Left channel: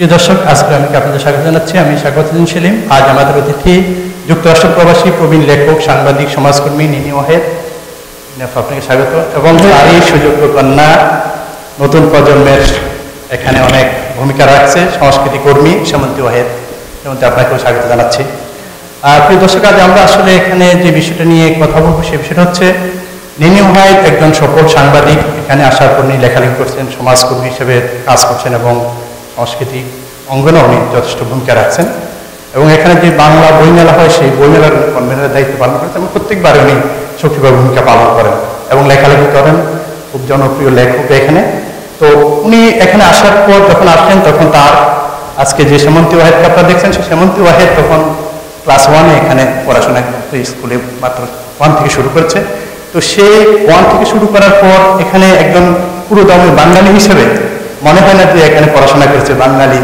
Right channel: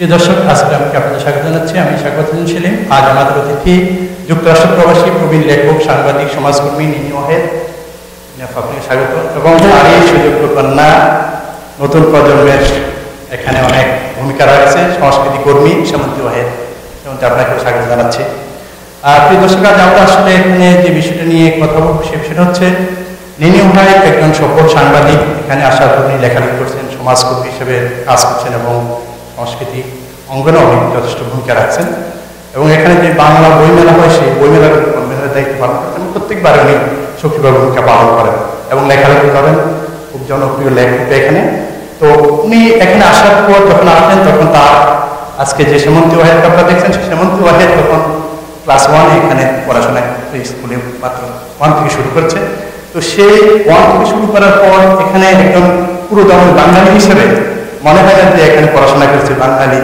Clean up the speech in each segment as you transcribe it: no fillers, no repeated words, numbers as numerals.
প্রিয় দর্শক, আজকে আমি আপনাদের স্বাগত জানাচ্ছি। আমি শাকওয়াতুদ্দিন সেলিম। আজ আমাদের অতিথি যুক্তরাষ্ট্র প্রবাসী প্রবীণ লেখক, সাংবাদিক, সমাজকর্মী নিনি ওয়াহেদ। আপনাকে স্বাগত। এবং তারই সুযোগ্য কন্যা, নতুন প্রজন্মের এখানে অনেক ভূমিকা রাখছে, সংস্কৃতি কর্মী সেমন্তী ওয়াহেদ। সেমন্তী, আপনাকেও স্বাগত জানাচ্ছি। প্রিয় দর্শক, আজ আমরা আসলে এখানে যে বিষয়টা নিয়ে কথা বলবো সে বিষয়টা হচ্ছে নিনি ওয়াহেদ একজন সফল সাংবাদিক। এখানে আসার পর উনি লেখালেখি করছেন, সমাজকর্মী হিসেবে কাজ করছেন এবং সাংস্কৃতিক অঙ্গনে উনি যথেষ্ট ভূমিকা রাখছেন। এবং এখানে যে বাংলা বইমেলা হয় সেই বইমেলার উনি কনভেনারের দায়িত্ব পালন করেন এবং প্রত্যেকবারে উনি সক্রিয় ভূমিকা পালন করেন এবং লেখালেখি করেন। খুব জনপ্রিয় লেখক এখানে। তো উনি এখানে আসার পর যখন আসলেন তখন তার আজকে যে সেমন্তী ওয়াহেদকে আপনারা দেখছেন, সেই সেমন্তী ওয়াহেদ তখন ক্লাস 1-এ এখানে পড়াশোনা করতে, স্কুলে মাত্র 1 থেকে শুরু করছে। তো সেই 1 থেকে শুরু করার পর এখানে একজন পুরোদমে বাঙালি হিসেবে মনে হয় না যে এখানে পড়াশোনা করেছে। বাঙালি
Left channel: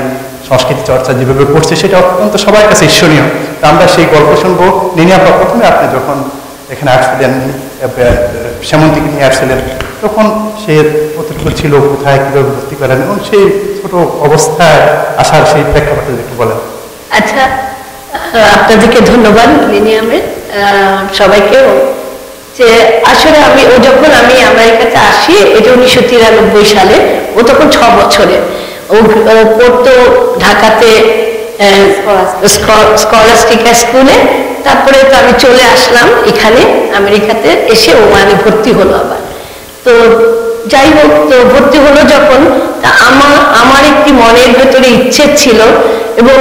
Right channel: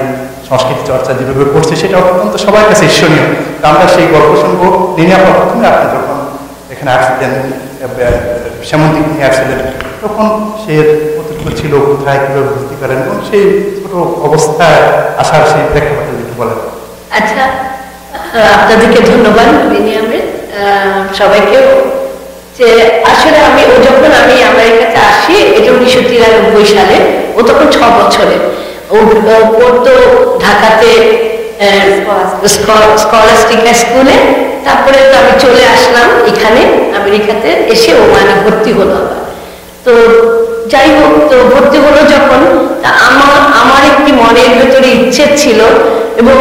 সংস্কৃতি চর্চা যেভাবে করছে সেটা অত্যন্ত সবার কাছে ঈর্ষণীয়। তো আমরা সেই গল্প শুনবো। নিনি আপা, প্রথমে আপনি যখন এখানে আসছিলেন, সেমন্তীকে নিয়ে আসছিলেন, তখন সে কতটুকু ছিল, কোথায় কীভাবে ভর্তি করেন এবং সেই ছোট অবস্থায় আসার সেই প্রেক্ষাপটে একটু বলেন। আচ্ছা, আপনাদেরকে ধন্যবাদ নিনি আহমেদ, সবাইকেও। যে আসলে যখন আমি আমেরিকাতে আসি, এটা 1993 সালে। ও তখন 6 বছরের। ও পড়তো ঢাকাতে স্কলাস্টিকা স্কুলে। তারপরে তো আমি চলে আসলাম এখানে আমেরিকাতে। এসে ও ভর্তি হলো আবার। তো যাই হোক, তো ভর্তি হলো যখন, তা আমার একটি মনের ভেতরে ইচ্ছে ছিল এবং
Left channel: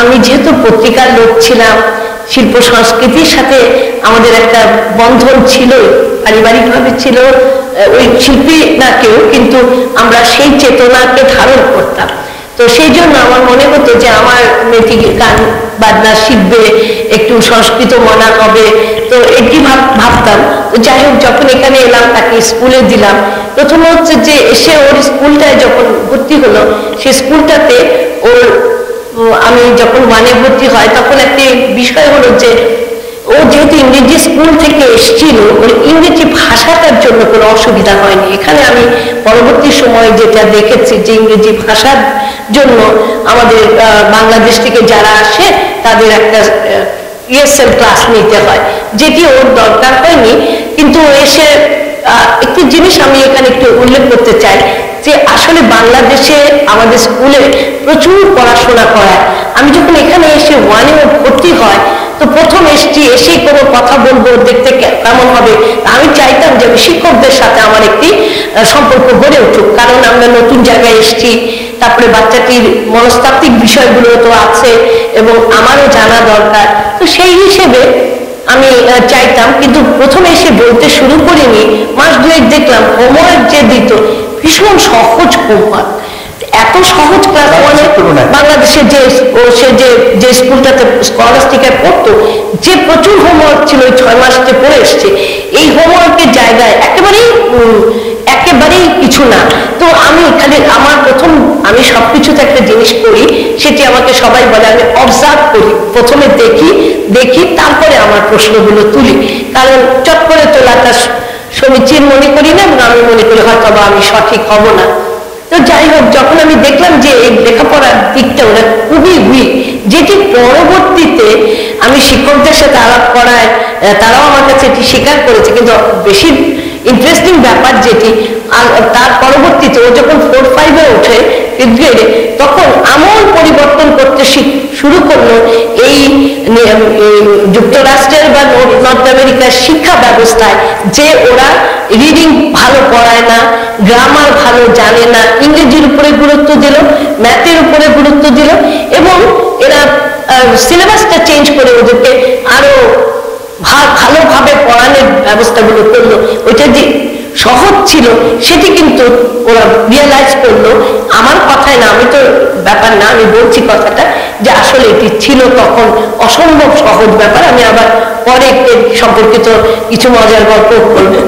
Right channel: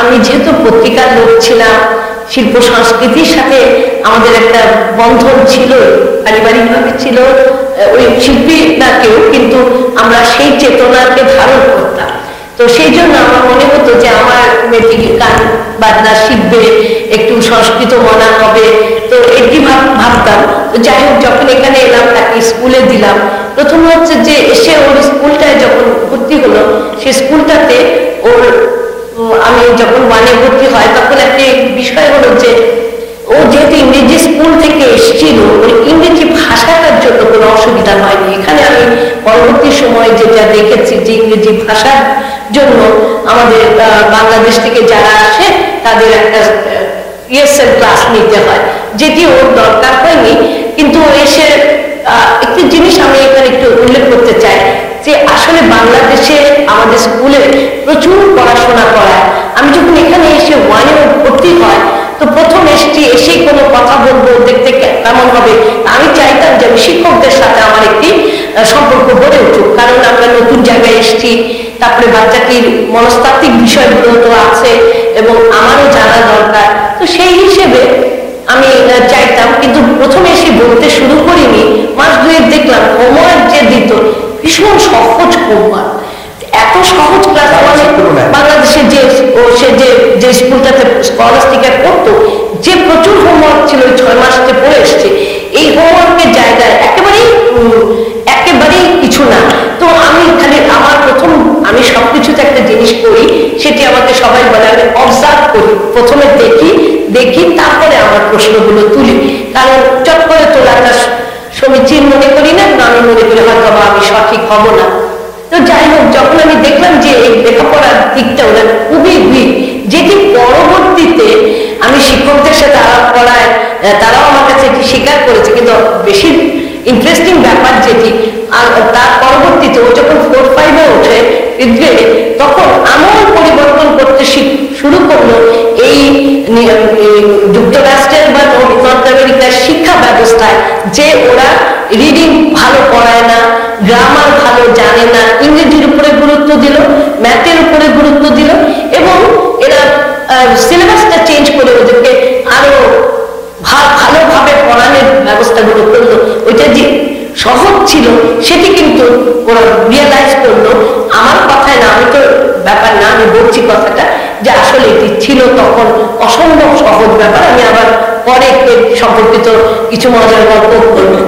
আমি যেহেতু পত্রিকার লোক ছিলাম, শিল্প সংস্কৃতির সাথে আমাদের একটা বন্ধন ছিল, পারিবারিকভাবে ছিল। ওই শিল্পী না কেউ, কিন্তু আমরা সেই চেতনাকে ধারণ করতাম। তো সেই জন্য আমার মনে হতো যে আমার মেয়েটি গান বাজনা শিখবে, একটু সংস্কৃত মনা হবে। তো এটি ভাবতাম। তো যাই হোক, যখন এখানে এলাম, তাকে স্কুলে দিলাম। প্রথমে হচ্ছে যে এসে ওর স্কুলটায় যখন ভর্তি হলো, সেই স্কুলটাতে আমি যখন 1-এ ভর্তি হয় তখন একটি বিষয় হলো যে ও যেহেতু ইংরেজি স্কুল থেকে এসেছিল, ওর ইংরেজি ভাষাটার জন্য কোনো অসুবিধা হয়নি। এখানে আমি পরবর্তী সময় যেটা দেখেছি যে ইংরেজি ভাষার জন্য আমাদের বাংলাদেশ থেকে যারা আসে তাদের একটা ESL ক্লাস নিতে হয়, যেটি ওর দরকার হয়নি। কিন্তু এসে একটি জিনিস আমি এখানে একটু উল্লেখ করতে চাই যে আসলে বাংলাদেশে আমাদের স্কুলে প্রচুর পড়াশোনা করায়। আমি যখন এখানে এসে 1-এ ভর্তি হয়, তো প্রথম এসেই কোনো কথা বলবো, দেখতে কেমন হবে। আমি চাইতাম যে আমি শিক্ষকদের সাথে আমার একটি সম্পর্ক গড়ে উঠুক, কারণ আমরা নতুন জায়গায় এসেছি। তারপরে বাচ্চাটির মনস্তাত্ত্বিক বিষয়গুলো তো আছে এবং আমারও জানা দরকার। তো সেই হিসেবে আমি চাইতাম, কিন্তু প্রথমে এসে বলতে শুরু করিনি। মাস 2 দেখলাম হোমওয়ার্ক যে দিত, ভীষণ সহজ হোমওয়ার্ক, এত সহজ। ক্লাস 1-এ বাংলাদেশে যে স্কুলটাতে স্কলাস্টিকায় পড়তো, যে প্রচুর হোমওয়ার্ক ছিল, ওই 6 মাসে পড়ে এসছে। এই হোমওয়ার্কের জায়গায় একেবারেই কিছু না। তো আমি খালি আমি সবকিছুতে একটা জিনিস করি, সেটি আমাকে সবাই বলে আমি অবজার্ভ করি। প্রথমে দেখি তারপরে আমার প্রশ্নগুলো তুলি, কারণ চট করে তোলাটা সমীচীন মনে করি না এবং আমি মনে করি হয়তো বা আমি সঠিক হব না। তো যাই হোক, যখন আমি দেখলাম যে এই লেখাপড়ার দিকটা ওরা খুবই উইক, যেটি পরবর্তীতে আমি শিক্ষকদের সাথে আলাপ করায় তারাও আমার কাছে এটি স্বীকার করেছে। কিন্তু বেশি ইন্টারেস্টিং ব্যাপার যেটি, তার পরবর্তীতে ও যখন 4-5-এ ওঠে, 5th গ্রেডে, তখন আমূল পরিবর্তন করতে শুরু করলো এই যুক্তরাষ্ট্রের বা নর্থ আমেরিকার শিক্ষা ব্যবস্থায়, যে ওরা রিডিং ভালো পড়ায় না, গ্রামার ভালো জানে না, ইংরেজির উপরে গুরুত্ব দিল, ম্যাথের উপরে গুরুত্ব দিল এবং এরা সিলেবাসটা চেঞ্জ করে ওদেরকে আরো ভালোভাবে পড়ানোর ব্যবস্থাগুলো করলো। ওইটা যে সহজ ছিল সেটি কিন্তু ওরা রিয়েলাইজ করলো। আমার কথায় না, আমি তো ব্যাপার না, আমি বলছি কথাটা যে আসলে এটি ছিল তখন অসম্ভব সহজ ব্যাপার। আমি আবার পরে সম্পর্কিত কিছু মজার গল্প বলবো।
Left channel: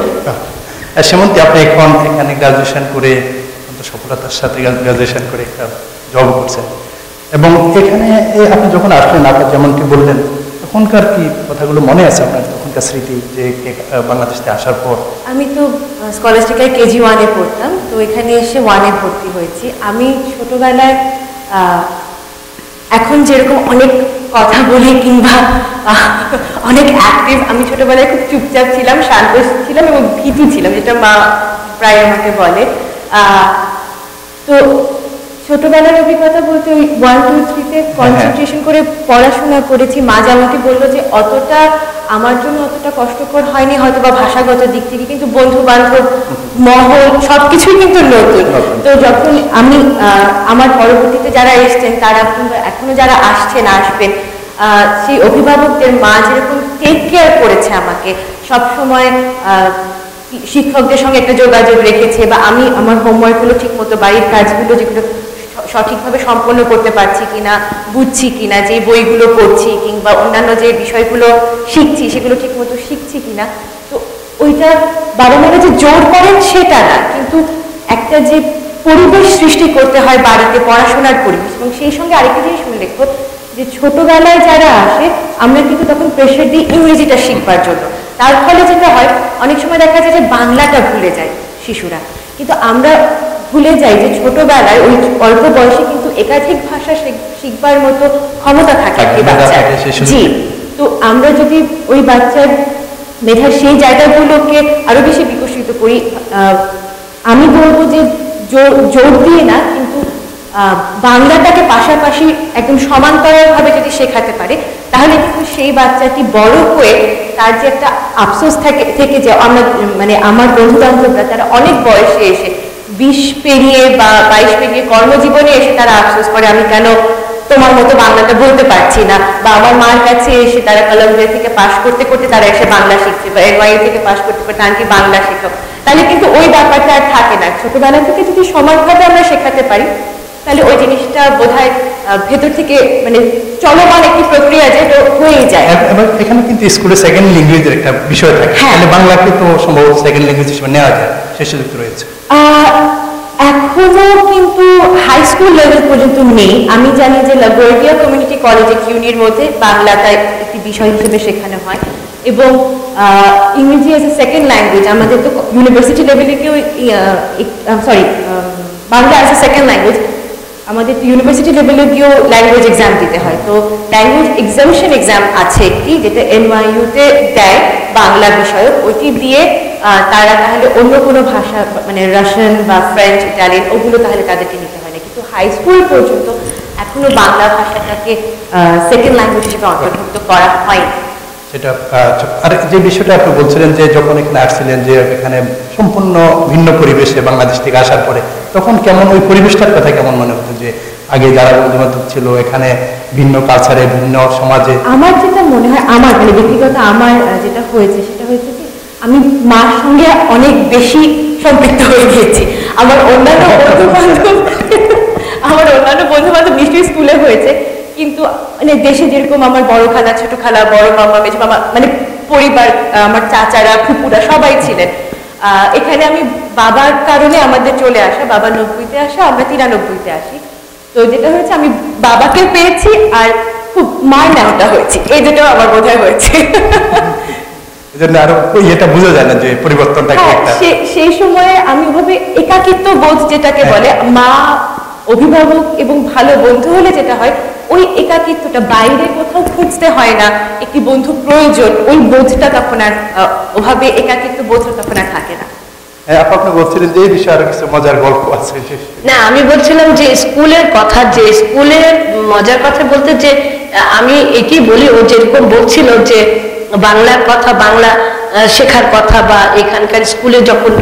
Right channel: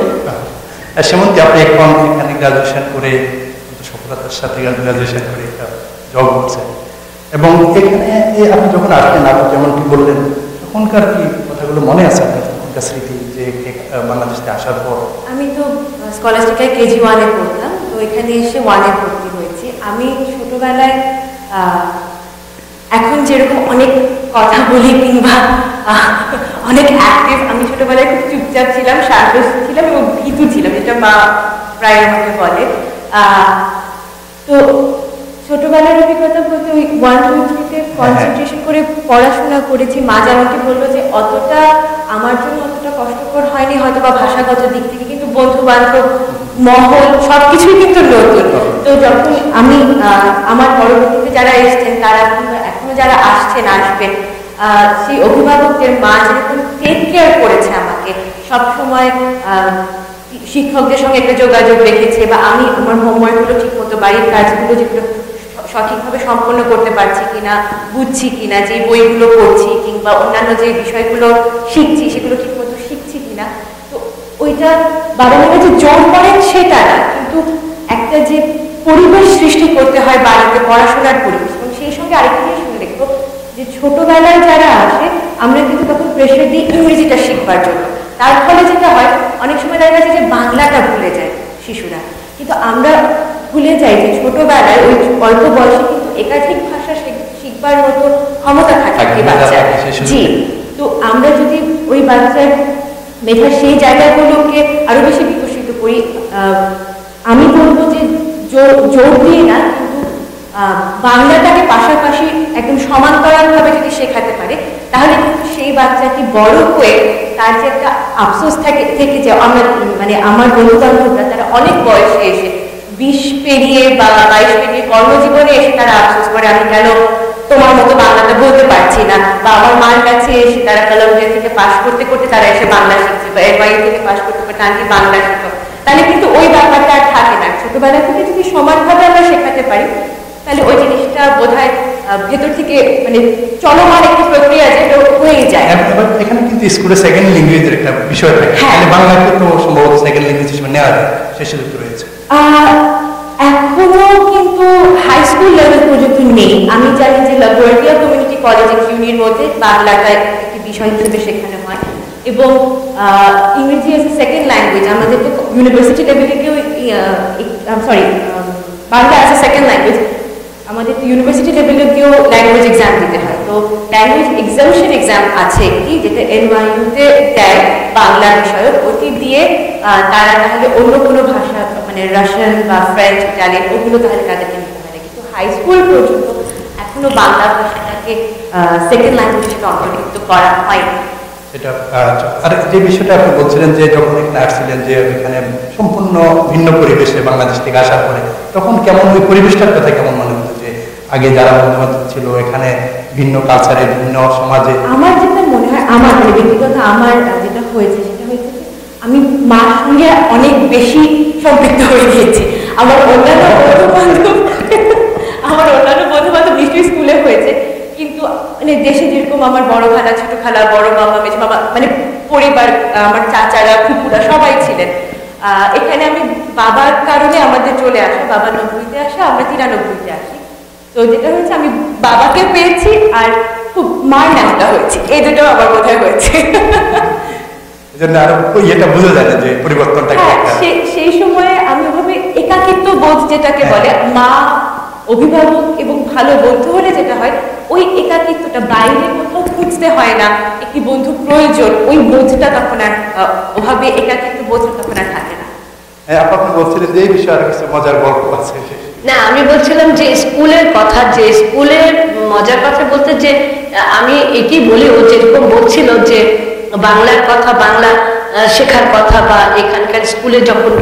সেমন্তী, আপনি এখন এখানে গ্রাজুয়েশন করে সফলতার সাথে গ্রাজুয়েশন করে একটা জব করছেন এবং এখানে আপনি যখন আসলেন, আপনি যেমনটি বললেন, তখনকার কি কথাগুলো মনে আছে আপনার, তখনকার স্মৃতি যে বাংলাদেশে আসার পর? আমি তো স্কলাস্টিকায় KG 1-এ পড়তাম। তো এখানে এসে 1-এ ভর্তি হয়েছি। আমি ছোটবেলায় এখন যেরকম অনেক কথা বলি কিংবা অনেক অ্যাক্টিভ, আমি ছোটবেলায় খুব চুপচাপ ছিলাম, শান্ত ছিলাম এবং ভীতু ছিলাম, যেটা মা প্রায় আমাকে বলে। তো ছোটবেলার অভিজ্ঞতা বলতে ওই 1, 2, 3-তে কনসেন্ট্রেশন করে পড়াশোনা করেছি। মা যেমনটি বললো যে অতটা আমার জন্য অতটা কষ্টকর হয়নি হয়তো বা ভাষাগত দিক থেকে, কিন্তু বন্ধু বান্ধব মহল সবকিছুই কিন্তু নতুন। তো যখন আমি আমার পরবর্তীতে যারা এসছেন তারা কিংবা এখনো যারা আসছেন আসবেন, সেই অভিভাবকদের মা যেরকম টেক কেয়ার করেছে আমাকে, সবসময় শিক্ষকদের সঙ্গে একটা যোগাযোগ রেখেছে, বা আমি আমার হোমওয়ার্কগুলো ঠিক মতো, বাড়ির কাজগুলো যেগুলো সঠিকভাবে সম্পন্ন করতে পারছি কিনা, বুঝছি কিনা, যে বইগুলো পড়ছি কিংবা অন্যান্য যে বিষয়গুলো শিখছি সেগুলো ঠিক মতো শিখছি কিনা। তো ওইটা বাবা মারা যে জোর করেন সেটা না, কিন্তু একটা যে পরিবেশ সৃষ্টি করতে হয় বাড়িতে, পড়াশোনার পরিবেশ। এবং সেই সঙ্গে আরেকটা জিনিস উল্লেখ যে ছোটবেলায় যারা আসে আমরা কিন্তু তখন প্রেশার দিই ইংরেজিটা শিখবার জন্য, তার ফলে যেটা হয় অনেক সময় দেখা যায় যে বাংলাটা ভুলে যায় শিশুরা। কিন্তু আমরা ভুলে যাই যে ছোটবেলায় ওই অল্প বয়সে কিন্তু একাধিক ভাষা শিখবার মতো ক্ষমতা থাকে একটি বাচ্চার। জি, তো আমরা যদি ওই বাচ্চার মেধার সেই জায়গাগুলোকে আরো বেশি বিকশিত করি, আমি বলবো যে জোর দিয়ে না, কিন্তু বাংলাটাকে পাশাপাশি একদম সমান্তরালভাবে যদি শেখাতে পারে, তাহলে কিন্তু সেই বাচ্চাটি বড় হয়ে তার যে একটা আফসোস থেকে যে আমরা মানে আমার বন্ধু বান্ধবরা তারা অনেক বয়সে এসে 20 পেরিয়ে বা 22 পেরিয়ে কর্মজীবনে এসে তারা আফসোস করে আমি কেন তোমার মতো বাংলাটা বলতে পারছি না, বা আমার মার কাছে এসে তারা কলম্বিয়া থেকে পাশ করতে করতে তারা এসে বাংলা শিখছে, বা NYU থেকে পাশ করতে করতে আন্টি বাংলা শেখো। তাহলে কিন্তু ওই ব্যাপারটা আর থাকে না। ছোটবেলা থেকে যদি সমানভাবে আমরা শেখাতে পারি তাহলে ওই জিনিসটা বোধহয় ভেতর থেকে মানে চলমান একটি প্রক্রিয়া যেটা হয়ে যায়। এবার এখানে কিন্তু স্কুলে সেকেন্ড ল্যাঙ্গুয়েজের একটা বিষয় থাকে, তাহলে বাংলাকে তো সম্ভবত সেকেন্ড ল্যাঙ্গুয়েজ হিসেবে নেওয়া যায়, সেই সুযোগ রয়েছে। এখনো কিন্তু হাই স্কুল লেভেল পর্যন্ত নেই। আমি জানি যে লাগোয়ার্ডিয়া কমিউনিটি কলেজে কিউনির মধ্যে বাংলাটা একটি বিষয় হিসেবে শেখানো হয়, এবং ইংরেজি অ্যাজ এ সেকেন্ড ল্যাঙ্গুয়েজ আমাদের তো ইউনিভার্সিটি লেভেলে কেউ Bangla as a second language আমাদের তো ইউনিভার্সিটি লেভেলে গিয়েও ল্যাঙ্গুয়েজ এক্সাম দিতে হয়। তো ল্যাঙ্গুয়েজ এক্সামিশন এক্সাম আছে একটি, যেটা NYU-তে দেয় বাংলা বিষয়ক, ওইটি দিয়ে তারা তাহলে অন্য কোনো ভাষা মানে রাশিয়ান বা ফ্রেঞ্চ, ইটালিয়ান ওগুলো তাহলে তাদেরকে নিতে হয় না। কিন্তু হাই স্কুল পর্যন্ত এখনো বাংলা ভাষাটাকে সেকেন্ড ল্যাঙ্গুয়েজ হিসেবে অন্তর্ভুক্ত করা হয়নি। সেটা আর যে বিষয়টা আপনি বলছিলেন যে যখন এখানে আসছিলেন যে এখানে সম্পূর্ণ ভিন্ন পরিবেশে বাংলাদেশ থেকে আসার পরে, তখন কেমন ওই পরিবেশটার কথা কেমন মনে হতো যে আগে যারা বন্ধু বান্ধব ছিল এখানে ভিন্ন কালচারে ভিন্ন সমাজে? আমার যেটা মনে হয়, আমার মানে ব্যক্তিগত আমার যেটা হয়েছে সেটা হয়েছে যে আমি মার সঙ্গে অনেক বেশি সম্পৃক্ত হয়ে গিয়েছি। আমার অন্যান্য বন্ধু বান্ধব নিশ্চয়ই স্কুলে হয়েছে, কিন্তু মানে দেশে যেরকম আমার বড় খালা, ছোট খালা, বড় মামা, মেজ মামা, মানে পরিবার, আমার চাচারা, ফুপুরা সবাই ছিলেন। এখানে আমি বাবার কারণে আমাদের চলে আসা, বাবা 90-তে আসা, আমরা 93-তে আসি। তো যেটা হয়েছে আমি বাবাকে পেয়েছি আর খুব মার নেওয়াটা হয়েছে, এই দুটো আমার বোধহয় হয়েছে। এজন্য আরো এটা বোঝা যায় না যে পরিবর্তনটা কি একটা। সেই সময়ে আমি ওভাবে একাকিত্ব বোধ যেটাকে বলে, মা, অভিভাবক এবং ভালো বন্ধু হলে যেটা হয় ওই একাকিত্বটা বাইরে কোথাও খুঁজতে হয় না, একটি বন্ধু প্রয়োজন, ওই বোধটা তখন আর ওভাবে একাকিত্ব বোধটা তখন আর থাকে না। আপনি বলছিলেন যে এই বিষয়ে আরো কিছু মজার গল্প আছে। না, আমি বলছিলাম যে স্কুলের কথা, যে স্কুলের মজার কথা বলতে যে আমি এটি বলি, ও যেরকম বলছিল যে বাংলার কথা, বাংলা শেখার কথা, বা এখানকার স্কুলে যখন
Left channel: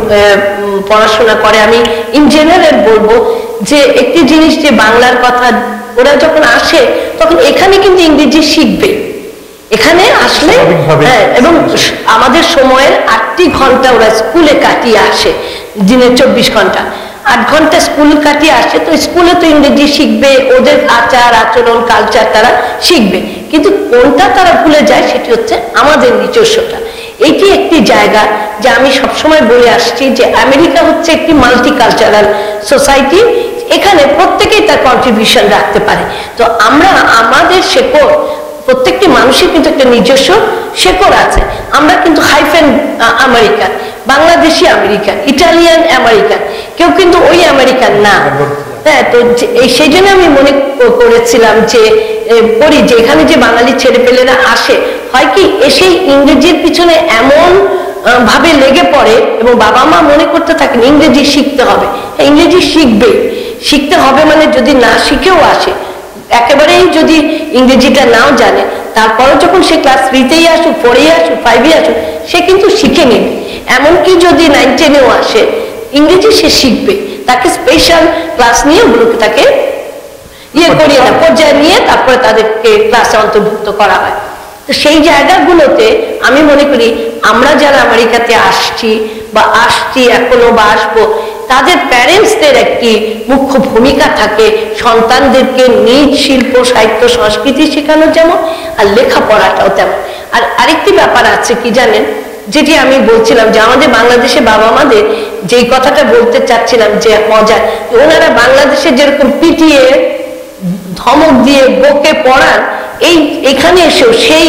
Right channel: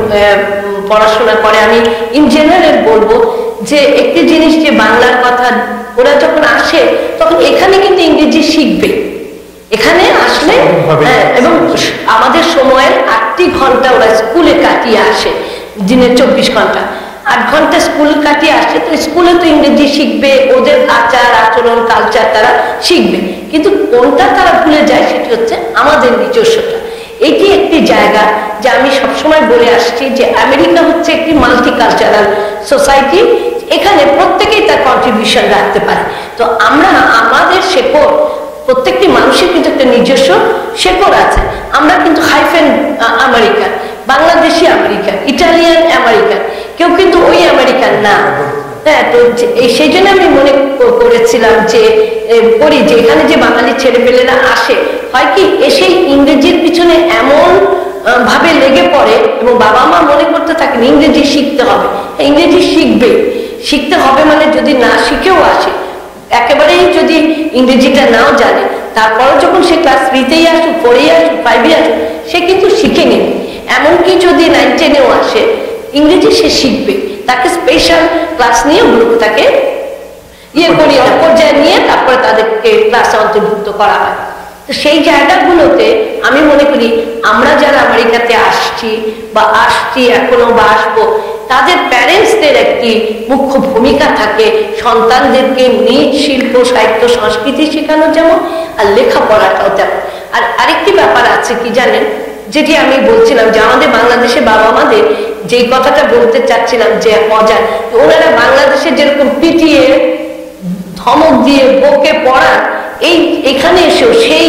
পড়াশোনা করে, আমি ইন জেনারেল বলবো যে একটি জিনিস যে বাংলার কথা ওরা যখন আসে তখন এখানে কিন্তু ইংরেজি শিখবে, এখানে আসলে। এবং আমাদের সময়ের 8টি ঘন্টা ওরা স্কুলে কাটিয়ে আসে, দিনের 24 ঘন্টা, 8 ঘন্টা স্কুল কাটিয়ে আসে, তো স্কুলে তো ইংরেজি শিখবে, ওদের আচার আচরণ কালচার তারা শিখবে, কিন্তু কোনটা তারা ভুলে যায় সেটি হচ্ছে আমাদের নিজস্বতা। এটি একটি জায়গা যে আমি সবসময় বলে আসছি যে আমেরিকা হচ্ছে একটি মাল্টিকালচারাল সোসাইটি, এখানে প্রত্যেকেই তার কন্ট্রিবিউশন রাখতে পারে। তো আমরা আমাদের শেকড়, প্রত্যেকটি মানুষের কিন্তু একটা নিজস্ব শেকড় আছে। আমরা কিন্তু hyphen American, Bangladeshi American, Italian American, কেউ কিন্তু ওই আমেরিকান না। হ্যাঁ, তো সেই জন্য আমি মনে করেছিলাম যে করি যে এখানে যে বাঙালি ছেলেপেলেরা আসে, হয় কি এসেই ইংরেজির পিছনে এমন ভাবে লেগে পড়ে এবং বাবা মা মনে করতে থাকেন ইংরেজি শিখতে হবে। হ্যাঁ, ইংরেজি শিখতে হবে মানে যদি না শিখেও আসে, একেবারেই যদি ইংরেজিটা নাও জানে, তারপরে যখন সে ক্লাস 3তেই আসুক, 4এই আসুক, 5এ আসুক, সে কিন্তু শিখে নেবে। এমনকি যদি 9-10এও আসে, ইংরেজি সে শিখবে। তাকে স্পেশাল ক্লাস নিয়ে ওগুলোকে তাকে করিয়ে না, পর্যায়ে নিয়ে তারপরে তাদেরকে ক্লাসে অন্তর্ভুক্ত করা হয়। তো সেই জায়গাগুলোতে আমি মনে করি আমরা যারা আমেরিকাতে আসছি এখনো বা আসবো, তাদের প্যারেন্টসদের একটি মুখ্য ভূমিকা থাকে সন্তানদেরকে নিজ শিল্প, সাহিত্য, সংস্কৃতি শেখানো যেমন, আর লেখাপড়াটাও তেমন। আর আরেকটি ব্যাপার আছে কি জানেন, যেটি আমি বলছিলাম যে আমাদের বাংলাদেশে বাবা মাদের যেই কথাটা বলতে চাচ্ছিলাম যে মজার, ওনারা বাংলাদেশে যেরকম পিটিয়ে ধমক দিয়ে বকে পড়ান, এখানে এসেও সেই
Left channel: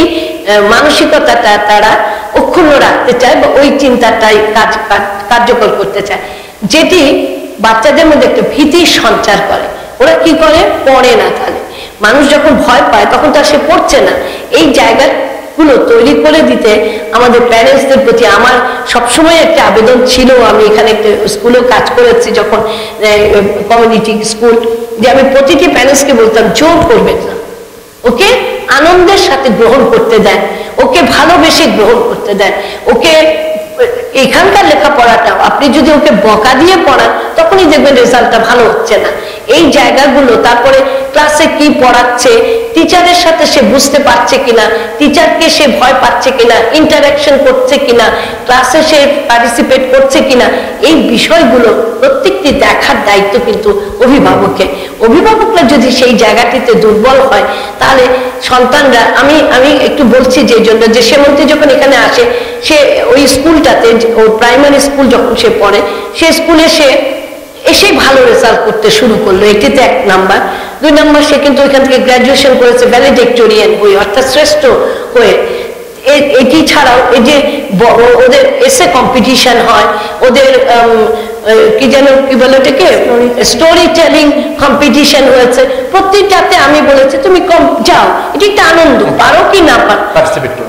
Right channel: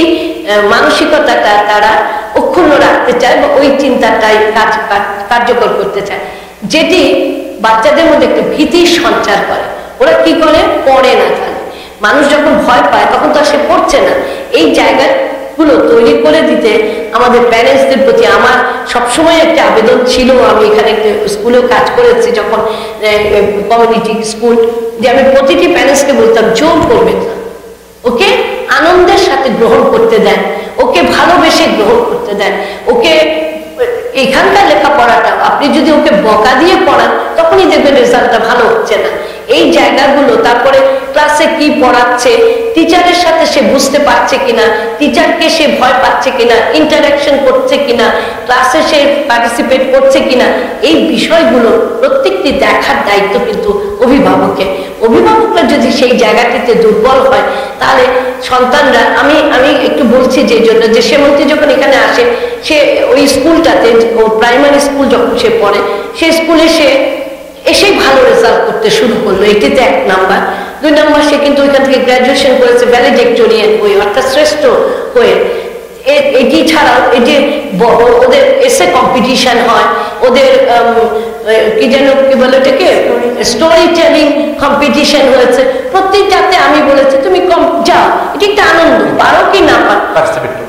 মানসিকতাটা তারা অক্ষুণ্ণ রাখতে চায় বা ওই চিন্তাটাই কার্যকর করতে চায়, যেটি বাচ্চাদের মধ্যে একটা ভীতির সঞ্চার করে। ওরা কি করে, পড়ে না। তাহলে মানুষ যখন ভয় পায় তখন তো আর সে পড়ছে না। এই জায়গাগুলো তৈরি করে দিতে আমাদের প্যারেন্টসদের প্রতি আমার সবসময় একটা আবেদন ছিল। আমি এখানে একটা স্কুলেও কাজ করেছি যখন, কমিউনিটি স্কুল, যে আমি প্রতিটি প্যারেন্টসকে বলতাম জোর করবেন না, ওকে আনন্দের সাথে গ্রহণ করতে দেন, ওকে ভালোবেসে গ্রহণ করতে দেন। ওকে এখানকার লেখাপড়াটাও আপনি যদি ওকে বকা দিয়ে পড়ান, তখনই দেখবেন রেজাল্টটা ভালো হচ্ছে না। এই জায়গাগুলো, তারপরে ক্লাসে কি পড়াচ্ছে, টিচারের সাথে সে বুঝতে পারছে কিনা, টিচারকে সে ভয় পাচ্ছে কিনা, ইন্টারাকশন করছে কিনা, ক্লাসে সে পার্টিসিপেট করছে কিনা, এই বিষয়গুলো প্রত্যেকটি দেখার দায়িত্ব কিন্তু অভিভাবকরা যদি সেই জায়গাটিতে দুর্বল হয়, তাহলে সন্তানরা, আমি একটু বলছি যে জন্য যে সেমন্তী যখন এখানে আসে, সে ওই স্কুলটাতে, ও প্রাইমারি স্কুল যখন সে পড়ে, সে স্কুলে সে এসেই ভালো রেজাল্ট করতে শুরু করলো। এটিতে 1 নাম্বার। 2 নাম্বার, সে কিন্তু ওইখান থেকে গ্র্যাজুয়েশন করেছে ভ্যালেডিক্টোরিয়ান হয়ে, অর্থাৎ শ্রেষ্ঠ হয়ে। এটি ছাড়াও এই যে ওদের এসে কম্পিটিশন হয়, ওদের কি যেন কি বলে এটাকে, স্টোরি টেলিং কম্পিটিশন হয়েছে। প্রত্যেকটাতে আমি বলেছি তুমি যাও, এটি একটা আনন্দ, পারো কি না পারো,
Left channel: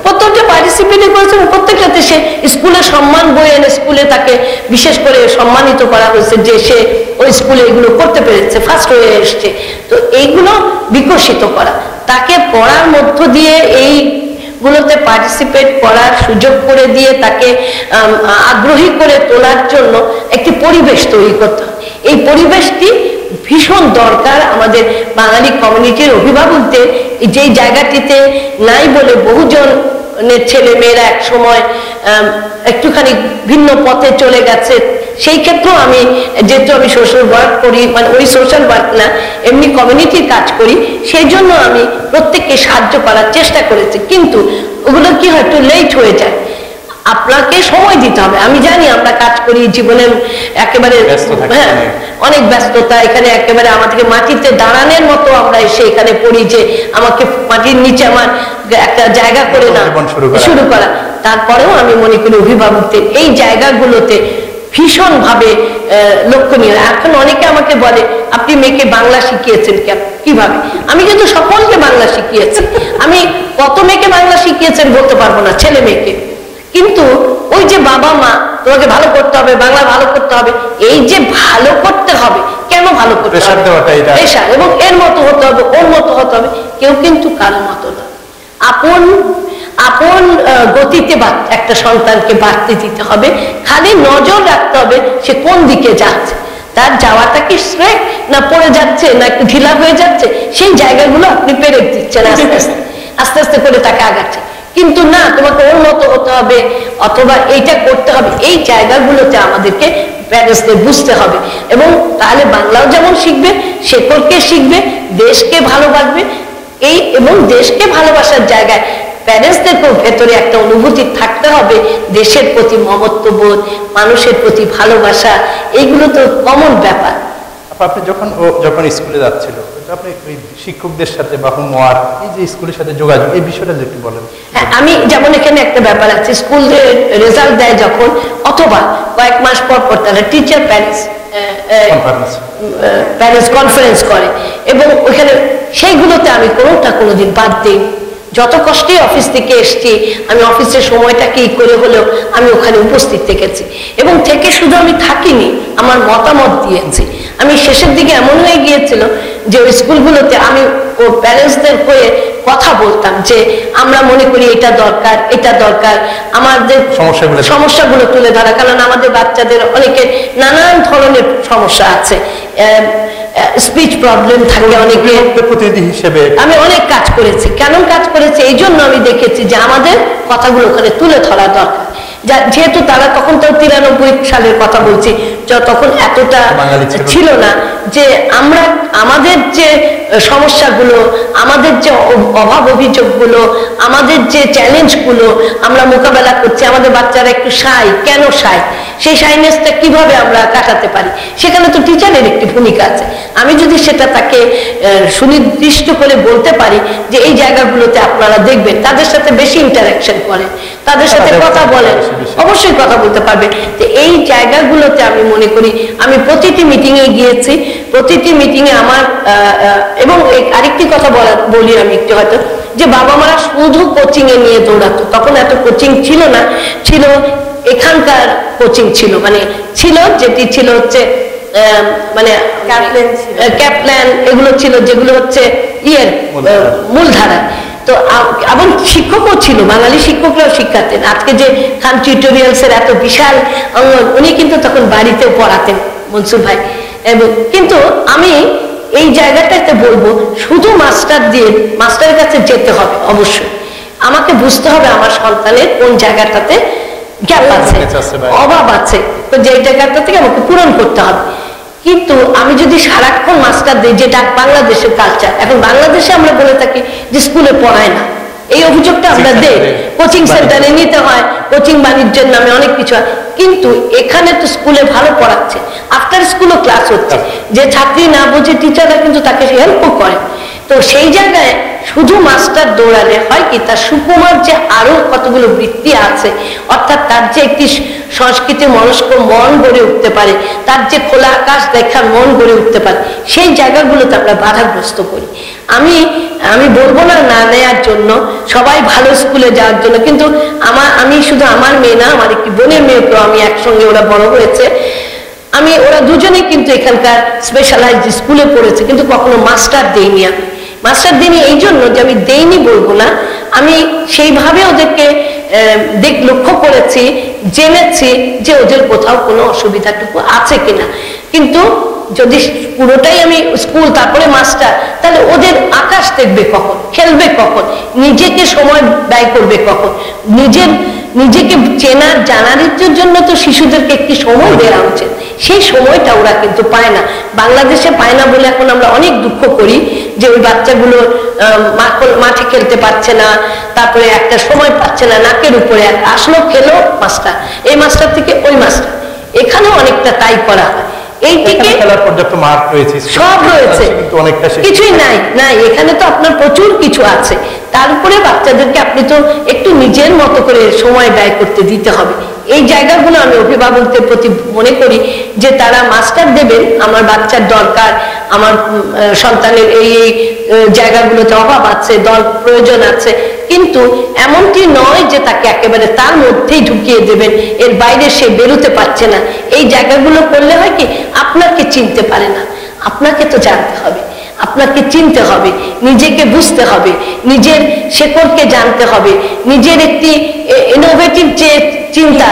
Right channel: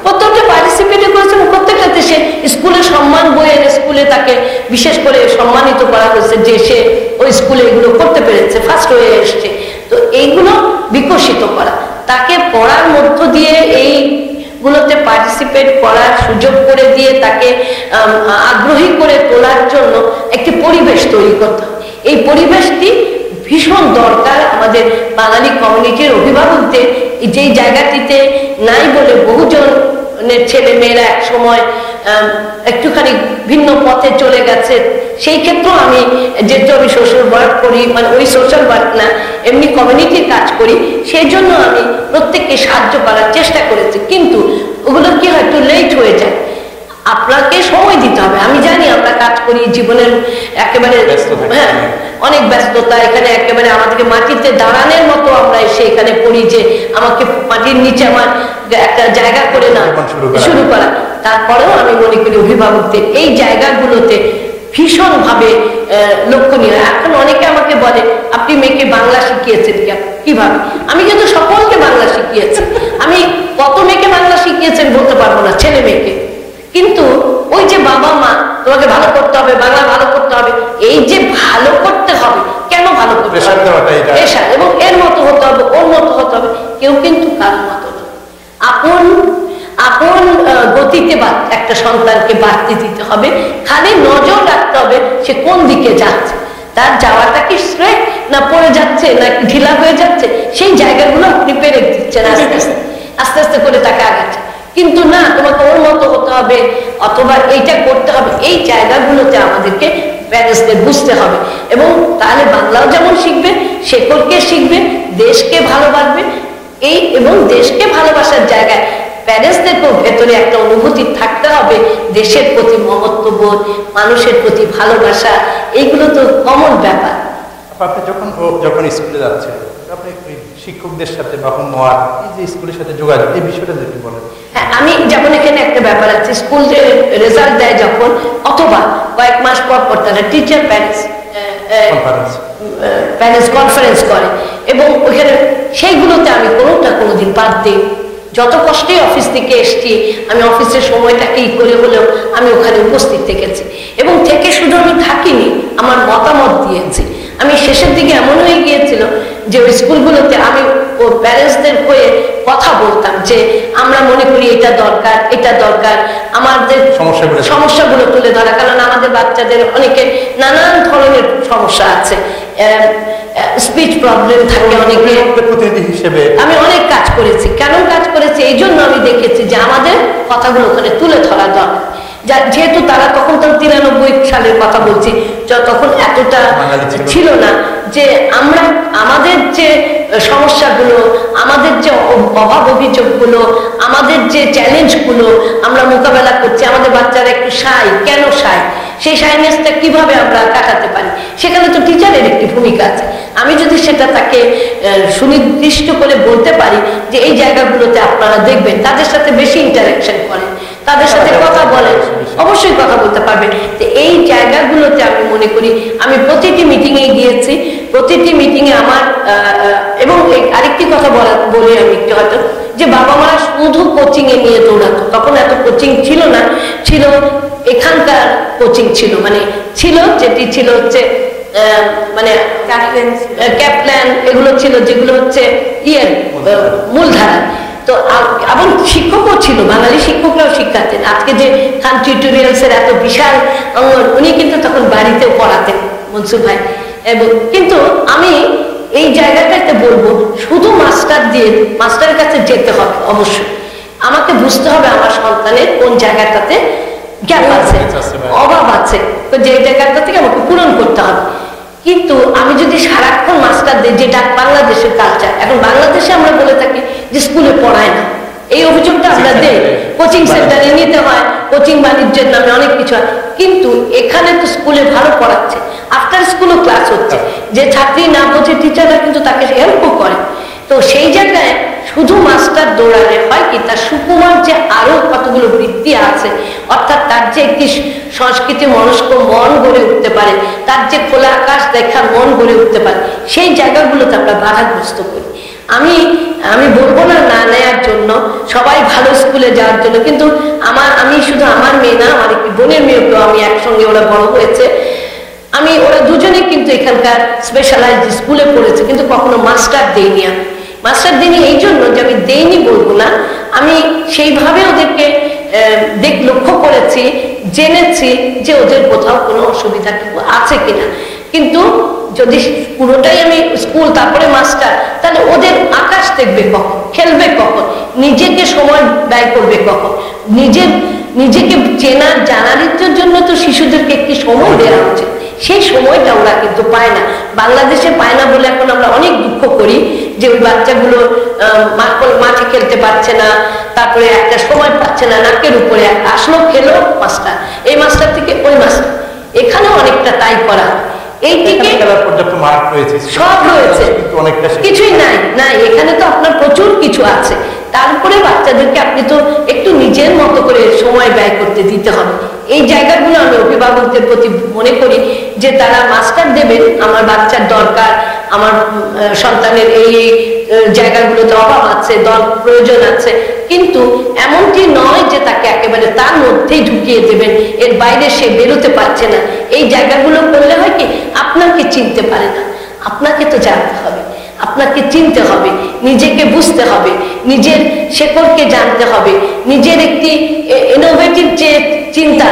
প্রত্যেকটা পার্টিসিপেট করেছে এবং প্রত্যেকটাতে সে স্কুলে সম্মান বই এনে স্কুলে তাকে বিশেষ করে সম্মানিত করা হয়েছে যে সে ওই স্কুলে এগুলো করতে পেরেছে, ফার্স্ট হয়ে এসছে। তো এইগুলো বিকশিত করা, তাকে পড়ার মধ্য দিয়ে এইগুলোতে পার্টিসিপেট করার সুযোগ করে দিয়ে তাকে আগ্রহী করে তোলার জন্য একটি পরিবেশ তৈরি করতে হবে। এই পরিবেশটি ভীষণ দরকার আমাদের বাঙালি কমিউনিটির অভিভাবকদের। যেই জায়গাটিতে নাই বলে বহুজনের ছেলে মেয়েরা এক সময় একটুখানি ভিন্ন পথে চলে গেছে। সেই ক্ষেত্রেও আমি যেহেতু আমি সোশ্যাল ওয়ার্ক করি, মানে ওই সোশ্যাল ওয়ার্ক না, এমনি কমিউনিটির কাজ করি, সেই জন্য আমি প্রত্যেককে সাহায্য করার চেষ্টা করেছি। কিন্তু ওগুলো কি হয়, একটু লেট হয়ে যায়, আপনাকে সময় দিতে হবে। আমি জানি আমরা কাজ করি, জীবনের একেবারে অনেক ব্যস্ততা, এখানে একেবারে আমাদেরকে মাটিতে দাঁড়ানোর মতো আমরা এসে এখানে পড়ি যে আমাকে মাটির নিচে আমার একটা জায়গা করে না শুরু করা। তারপরেও আমি মনে করি অভিভাবকদের এই জায়গাগুলোতে ভীষণভাবে লক্ষণীয়। এখন অনেকে আমাকে বলে আপনি মেয়েকে বাংলা শিখিয়েছেন কিভাবে? আমি কিন্তু সকলকে বাংলা শিখিয়েছি। আমি কত মেয়েকে বাংলা শিখিয়েছেন বলতে পারবো না, ছেলে মেয়েকে। কিন্তু ওই যে বাবা মা তোমাকে ভালো করতে হবে, বাংলা ভালো করতে হবে, এই যে ভালো করতে হবে, কেন ভালো করতে হবে, প্রেশার, এবং এর মতো হতে হবে, ওর মতো হতে হবে, কেউ কিন্তু কারোর মতো না। আপন গতিতে একটা সন্তানকে বাড়তে দিতে হবে, খালি নজর রাখতে হবে সে কোন দিকে যাচ্ছে, তার যাওয়াটা কি স্ট্রেট না পড়ে যাচ্ছে না একটু ঢিলা হয়ে যাচ্ছে, সেই জায়গাগুলো আপনি পেরেক দিচ্ছেন, আস্তে আস্তে করে তাকে আগাচ্ছে। কিন্তু না, তোমাকে ওর মতো হতে হবে অথবা এইটা করতে হবে, এই জায়গাগুলোতে আমাদেরকে প্যারেন্টসদের বুঝতে হবে। এবং তাহলে বাংলাও যেমন শিখবে, শেকড়কে শিখবে, দেশকে ভালোবাসবে। এবং দেশকে ভালোবাসার জায়গায় প্যারেন্টসদেরকেও ভেতরে একটা অনুভূতি থাকতে হবে, দেশের প্রতি মমত্ববোধ, মানুষের প্রতি ভালোবাসা, এইগুলো তো কমন ব্যাপার। আপনি যখন স্কুলে যাচ্ছিল, আপনি ওই শিক্ষকদের সাথে বা হোমওয়ার্ক, এই যে স্কুলের সাথে যোগাযোগ, এই বিষয়টা একটু বলেন। হ্যাঁ, আমি যেমন এখানে একটা ব্যাপার আছে, স্কুলের রেজাল্ট দেয় যখন, অথবা কয়েক মাস পর পর তারা টিচার প্যারেন্টস প্যারেন্টস কনফারেন্স করে, এবং ওইখানে সেইগুলোতে আমি কোনোদিন বাদ দিইনি। যত কষ্টেই অফিস থেকে এসছি, আমি অফিসের সময়টাকে করে হলেও আমি ওখানে উপস্থিত থেকেছি, এবং থেকে শুধু আমি থাকিনি, আমার মতামত দিয়েছি। আমি শেষের দিকে এমন হয়ে গিয়েছিল যে ওই স্কুলগুলোতে আমি ও প্যারেন্টসদের হয়ে কথা বলতাম যে আমরা মনে করি এটা দরকার, এটা দরকার, আমাদের সমস্যাগুলো তুলে ধরা, কারণ আমাদের বাচ্চাদের অনেকের নানান ধরনের সমস্যা আছে, স্পিচ প্রবলেম থাকে অনেকের। প্রতিনিধি হিসেবে আমি অনেক কাজ করেছি। কেন কাজ করেছি? এই জন্য আমি দেখেছি যে আমাদের কথাগুলো ওখানে তুলে ধরা দরকার। যেহেতু তারা তখন তো 93 সালের কথা বলছি, তখন এতটা ছিল না যে আমরা আমাদের যে সমস্যাগুলো, আমাদের যে অভাব অভিযোগগুলো, আমাদের যে চ্যালেঞ্জগুলো আমরা মোকাবেলা করছি, আমাদের বাচ্চারা একটু শাই, কেন শাই, সেই শাইনেসটা কিভাবে আমরা কাটাতে পারি, সেখানে তো টিচারের একটি ভূমিকা আছে। আমি যদি সেটা তাকে সুনির্দিষ্ট করে বলতে পারি যে এই জায়গাগুলোতে আপনারা দেখবেন, তাদের সাথে বেশি ইন্টারাকশন করেন, তাদের সাথে কথা বলেন, অবশ্যই কথা বলতে পারবে। তো এই জায়গাগুলোতে আমি মনে করি আমি প্রতিটি মিটিংয়ে গিয়েছি, প্রতিটি মিটিংয়ে আমার এবং আরেকটি কথা বলি আমি একটু, হয়তো যে বাবা মারা শুধু কোচিং এ নিয়ে দৌড়াতো, তখন এত কোচিং ছিল না, ছিল এখানকার কোচিং ছিল, মানে ছিল যেটি ছিল হচ্ছে মানে ক্যাপল্যান, এগুলো ছিল যেগুলো হচ্ছে মূলধারা। তো এবং শিক্ষকও ছিল, বাঙালি শিক্ষকরাও শিক্ষাতেন। আজকে যে খান টিউটোরিয়ালস এর এত বিশাল উনি কিন্তু তখন বাড়িতেও পড়াতেন মনসুর ভাই। এবং কিন্তু আমি এই জায়গাটাতে বলবো, শুধু মাস্টারের কাছে যেতে হবে, অবশ্যই আমাকে বুঝতে হবে আমার সন্তানের কোন জায়গাটাতে গ্যাপ আছে, অভাব আছে, তো যে জায়গাটা থেকে আমাকে পূরণ করতে হবে। কিন্তু আমি যদি সারাক্ষণ মাস্টার দিই, যেটা বাংলাদেশের কালচার, এখন বাংলাদেশে আমরা বলে থাকি যে স্কুলে পড়ায় না, এই অভিযোগটা আমরা দেই, কোচিং সেন্টারে নিতে হয়, কোচিং বাণিজ্যের নামে অনেক কিছু হয়। কিন্তু এখানে তো স্কুলে ভালো পড়াচ্ছে, আফটার স্কুলও ক্লাস হচ্ছে, যে ছাত্রী না বোঝে টিচাররা কিন্তু তাকে হেল্পও করে। তো সেই জায়গায় শুধু মাস্টার দৌড়ালে হয় কি, তার সুকুমার যে আরো কতগুলো বৃত্তি আছে, অর্থাৎ তার যে একটি সংস্কৃতি মনস্ক মন গড়ে উঠতে পারে, তার যে খোলা আকাশ দেখার মন গড়ে উঠতে পারে, সেই জায়গাগুলোতে আমরা বাধাগ্রস্ত করি। আমি বলবো না না নেয়ার জন্য, সবাই ভালো স্কুলে যাওয়ার জন্য, কিন্তু আমি শুধু আমার মেয়ে না, আমার একটি বোনের মেয়েকেও আমি একসঙ্গে, ওরা বড় হয়েছে, ওরা দুজনেই কিন্তু এখানকার স্পেশালাইজড স্কুলে পড়েছে, কিন্তু কখনো মাস্টার দেইনি। আমি মাস্টার দিইনি এই জন্য যে আমি দেইনি বলবো না, আমি সেইভাবে ওদেরকে লক্ষ্য করেছি, জেনেছি যে ওদের কোথাও কোনো অসুবিধাটুকু আছে কিনা। কিন্তু যদি পুরোটাই আমি স্কুল তারপরে মাস্টার, তাহলে ওদের আকাশ দেখবে কখন, খেলবে কখন, নিজেকে সময় ব্যয় করবে কখন, নিজেকে চেনার জানার জন্য তো শিশুদেরকে একটি সময় দেওয়া উচিত। সেই সময়টা ওরা কিন্তু পায় না, বাংলাদেশে পায় না বলে এখন আমরা অনেক দুঃখ করি যে ওই বাচ্চাগুলো মাঠে খেলতে পারছে না, তারপরে একটা সময় পাচ্ছে না, নাকের উপরে আসলো, খেলো মাস্টার, এই মাস্টার থেকে ওই মাস্টার, এখানেও অনেকটা তাই করা হয়। এই থেকে সব রয়েছে, কিছুই নাই এখানে তো আপনার প্রচুর কিছু আছে। তারপরে বাচ্চাদেরকে আপনি তো একটু নিজের মতো করে সময় ব্যয় করতে দিতে হবে। এই জায়গাগুলো আমি অভিভাবকদের প্রতি মনে করি যে তারা মাস্টার দেবেন, আমার বাচ্চার দরকার, আমার সন্তানের এই জায়গাগুলোতে অভাব আছে, দল প্রয়োজন আছে, কিন্তু এমনটি নয় যে তাকে একেবারে তার মধ্যেই ঢুকিয়ে দেবেন, এর বাইরে সে বেরোতে পারছে না। এই জায়গাগুলো করলে হয় কি, আপনাকে চিনতে পারে না, আপনাকে তো জানতে হবে, আপনাকে চিনতে হবে, নিজেকে বুঝতে হবে, নিজের শেকড়কে জানতে হবে, নিজের একটি ইনোভেটিভ যে চিন্তা,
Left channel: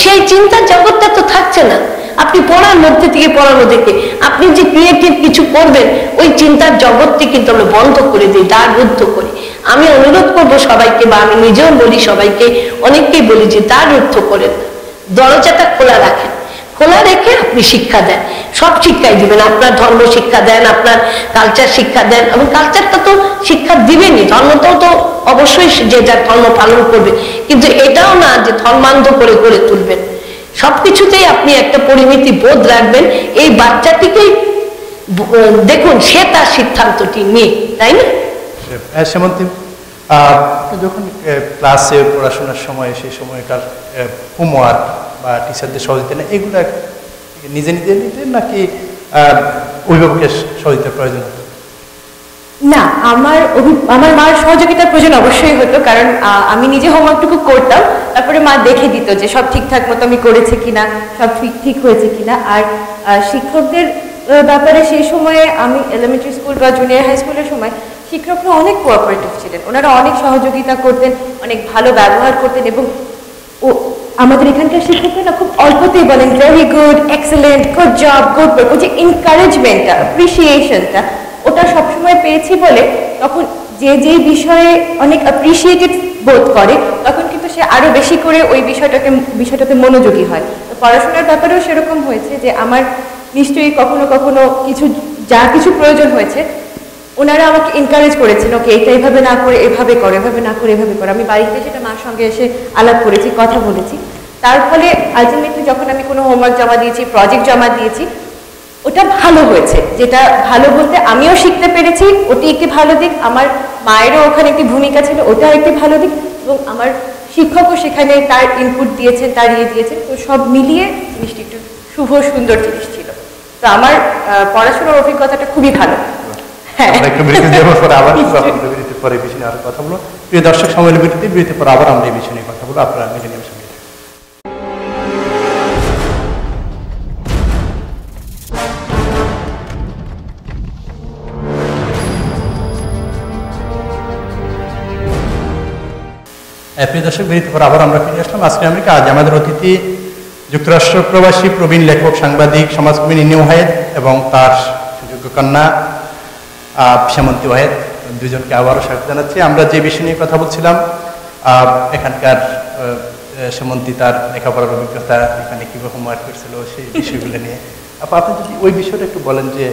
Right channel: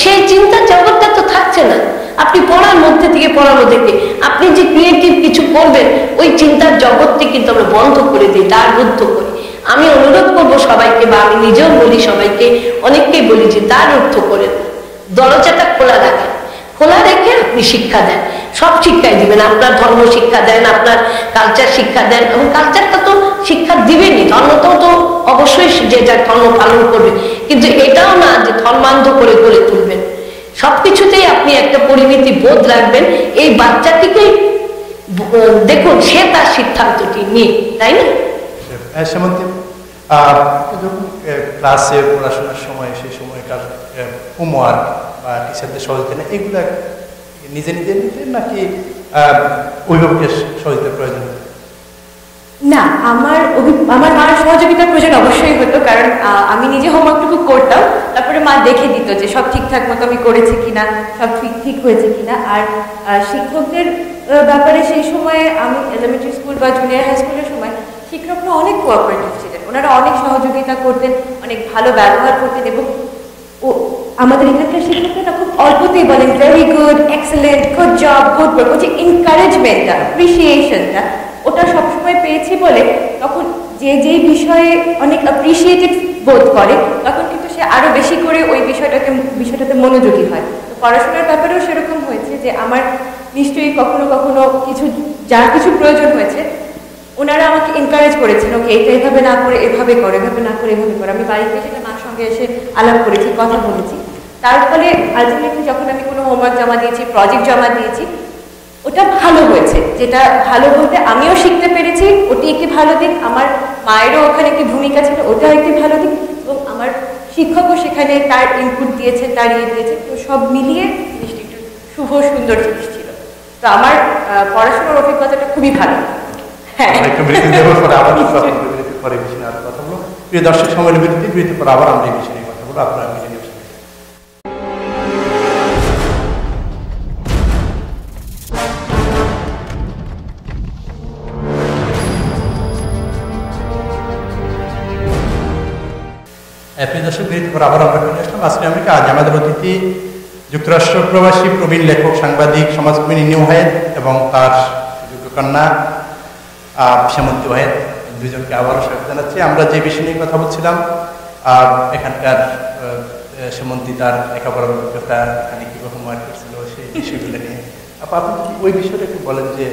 সেই চিন্তার জগৎটা তো থাকছে না। আপনি পড়ার মধ্যে থেকে আপনি যে ক্রিয়েটিভ কিছু করবেন, ওই চিন্তার জগৎটি কিন্তু আমরা বন্ধ করে দিই, দ্বার রুদ্ধ করি। আমি অনুরোধ করব সবাইকে, বা আমি নিজেও বলি সবাইকে, অনেককেই বলি যে দ্বার রুদ্ধ করেন না, দরজাটা খোলা রাখেন, খোলা রেখে আপনি শিক্ষা দেন, সব শিক্ষাই দিবেন, আপনার ধর্ম শিক্ষা দেন, আপনার কালচার শিক্ষা দেন, এবং কালচারটা তো শিক্ষা দিবেনই, ধর্মটাও তো অবশ্যই যে যার ধর্ম পালন করবে, কিন্তু এটাও না যে ধর্মান্ধ করে গড়ে তুলবেন। সবকিছুতেই আপনি একটা পরিমিতি বোধ রাখবেন, এই বাচ্চাটিকে দেখুন সে তার সিদ্ধান্তটি নিয়ে, তাই না? সেমন্তী, আপনি যখন ক্লাসে পড়াশোনার সময়, সেই সময়কার হোমওয়ার্ক বা টিচারদের সহযোগিতা, এগুলো নিজে নিজে নিতেন নাকি অভিভাবকের সহযোগিতার প্রয়োজন হতো? না, আমার মার সহযোগিতার প্রয়োজন অবশ্যই হতো, কারণ আমি নিজে হোমওয়ার্কটুকু করতাম, তারপরে মা দেখে দিত যে সব ঠিকঠাক মতো আমি করেছি কিনা, সব ঠিক হয়েছে কিনা। আর শিক্ষকদের ব্যাপারে সেই সময়ে আমি এলিমেন্টারি স্কুল বা জুনিয়র হাই স্কুলের সময় শিক্ষকরা অনেক কোঅপারেটিভ ছিলেন, ওনারা অনেক সহযোগিতা করতেন, অনেক ভালো ব্যবহার করতেন। এবং আমাদের এখানকার শিক্ষকরা না খুব অল্পতেই বলেন very good, excellent, good job, good work. ওই যে এনকারেজমেন্টটা, অ্যাপ্রিসিয়েশনটা, ওটা সবসময় পেয়েছি বলে তখন যেই বিষয়ে অনেক অ্যাপ্রিসিয়েটেড বোধ করে তখন কিন্তু সে আরো বেশি করে ওই বিষয়টাতে মনোযোগী হয়। তো পড়াশোনার ব্যাপারেও সেরকম হয়েছে যে আমার নিশ্চয়ই কখনো কখনো কিছু প্রয়োজন হয়েছে, ওনারা আমাকে এনকারেজ করেছেন, ওকে এটা এভাবে না করে এভাবে করো, এভাবে না করে এভাবে করো। আমি বাড়িতে সেটা মার সঙ্গে এসে আলাপ করেছি, কথা বলেছি। তার ফলে আলটিমেটলি যখন আমি কোনো হোমওয়ার্ক জমা দিয়েছি, প্রজেক্ট জমা দিয়েছি, ওটা ভালো হয়েছে। যেটা ভালো বলতে আমিও শিখতে পেরেছি, ওটি একটি ভালো দিক। আমার মায়েরও ওখানে একটি ভূমিকা ছিল, ওটাও একটি ভালো দিক। এবং আমার শিক্ষকও সেখানে তার ইনপুট দিয়েছেন, তার দিয়েছেন। তো সব মিলিয়ে জিনিসটি একটু শুভ সুন্দর জিনিস ছিল। তো আমার পড়াশোনার অভিজ্ঞতাটা খুবই ভালো। হ্যাঁ, একটু বিরতি দেওয়ার পরে আবার বিরতির পরে বিষয় নিয়ে আরো কথা বলবো। প্রিয় দর্শক, সময় বিরতির পর আবার আমরা এই বিষয় নিয়ে কথা বলবো। আপনারা মিলেনিয়াম সঙ্গে প্রিয় দর্শক, বিরতির পর আবার আমরা ফিরে আসলাম আজকে আমেরিকা। আজ আমাদের অতিথি যুক্তরাষ্ট্র প্রবাসী প্রবীণ লেখক, সাংবাদিক, সমাজকর্মী নিনি ওয়াহেদ এবং তার সুযোগ্য কন্যা সেমন্তী ওয়াহেদ, দুজনকে আবারও স্বাগত জানাচ্ছি। আমরা যে বিষয় নিয়ে কথা বলছিলাম, এখানকার সেমন্তী তার লেখাপড়ার অভিজ্ঞতা, এখানে কীভাবে হোমওয়ার্ক করছিল, সেই বিষয়গুলো নিয়ে আপনি যদি ওই বিষয়টা একটু বলেন যে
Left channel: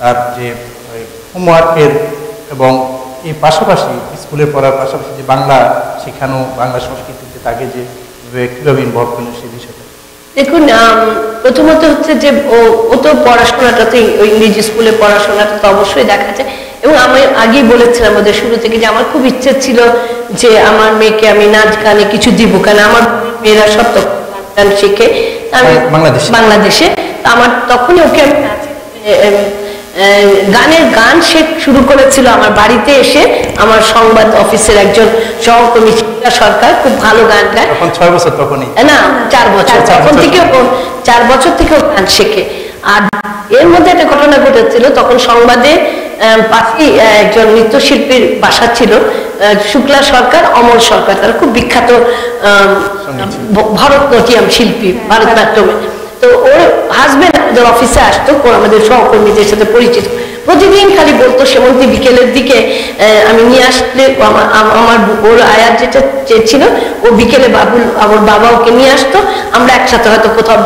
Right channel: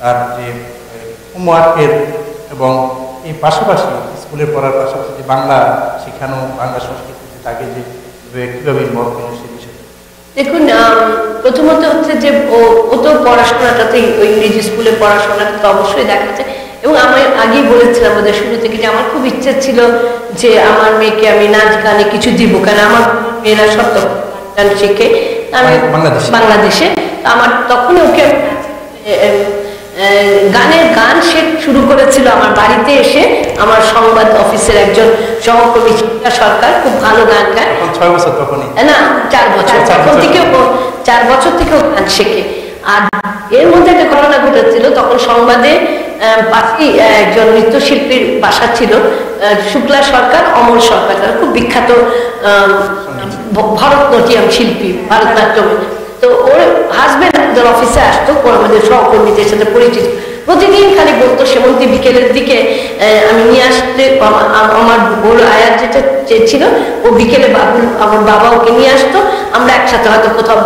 তার যে হোমওয়ার্কের এবং এই পাশাপাশি স্কুলে পড়ার পাশাপাশি যে বাংলা শেখানো, বাংলা সংস্কৃতিতে তাকে যে কীভাবে ইনভলভ করলেন সেই বিষয়টা। দেখুন, প্রথমত হচ্ছে যে ও তো পড়াশোনাটাতে, ওই ইংরেজি স্কুলে পড়াশোনাটা তো অবশ্যই দেখাচ্ছে। এবং আমি আগেই বলেছিলাম ওদের শুরু থেকে যে আমার খুব ইচ্ছে ছিল যে আমার মেয়েকে আমি নাচ গানে কিছু দিব, কেন আমার মেয়েরা সব তো গান টান শেখে। আমি বাংলাদেশে তো আমার তখনই ওকে আমি গান শুরু করেছিল আমার বাড়িতে এসে। আমার সংবাদ অফিসের একজন সহকর্মী সরকার, খুব ভালো গান গায়। 6 বছর তখনই না, 4 বছর, তখন থেকে 4 বছর থেকে ও গান শেখে। আর এর মধ্যে একটা ঘটনা ঘটেছিল, তখন সংবাদে পাশেই একজন নৃত্যশিল্পীর বাসা ছিল, শুক্লা সরকার, অমল সরকার, তারা খুব বিখ্যাত ভরতনাট্যম শিল্পী, ভারতনাট্যমে। তো ওর হাজবেন্ড আমাদের অফিসে আসতো, আমাদের সহকর্মীদের সাথে পরিচিত। প্রতিদিন খালি বলতো সেমন্তী বিকেলের দিকে আমি নিয়ে আসলে আমার ওর আয়ার যেটা ছিল, ও বিকেলে আমার বাবা ওকে নিয়ে আসতো, আমরা একসাথে হয়তো কোথাও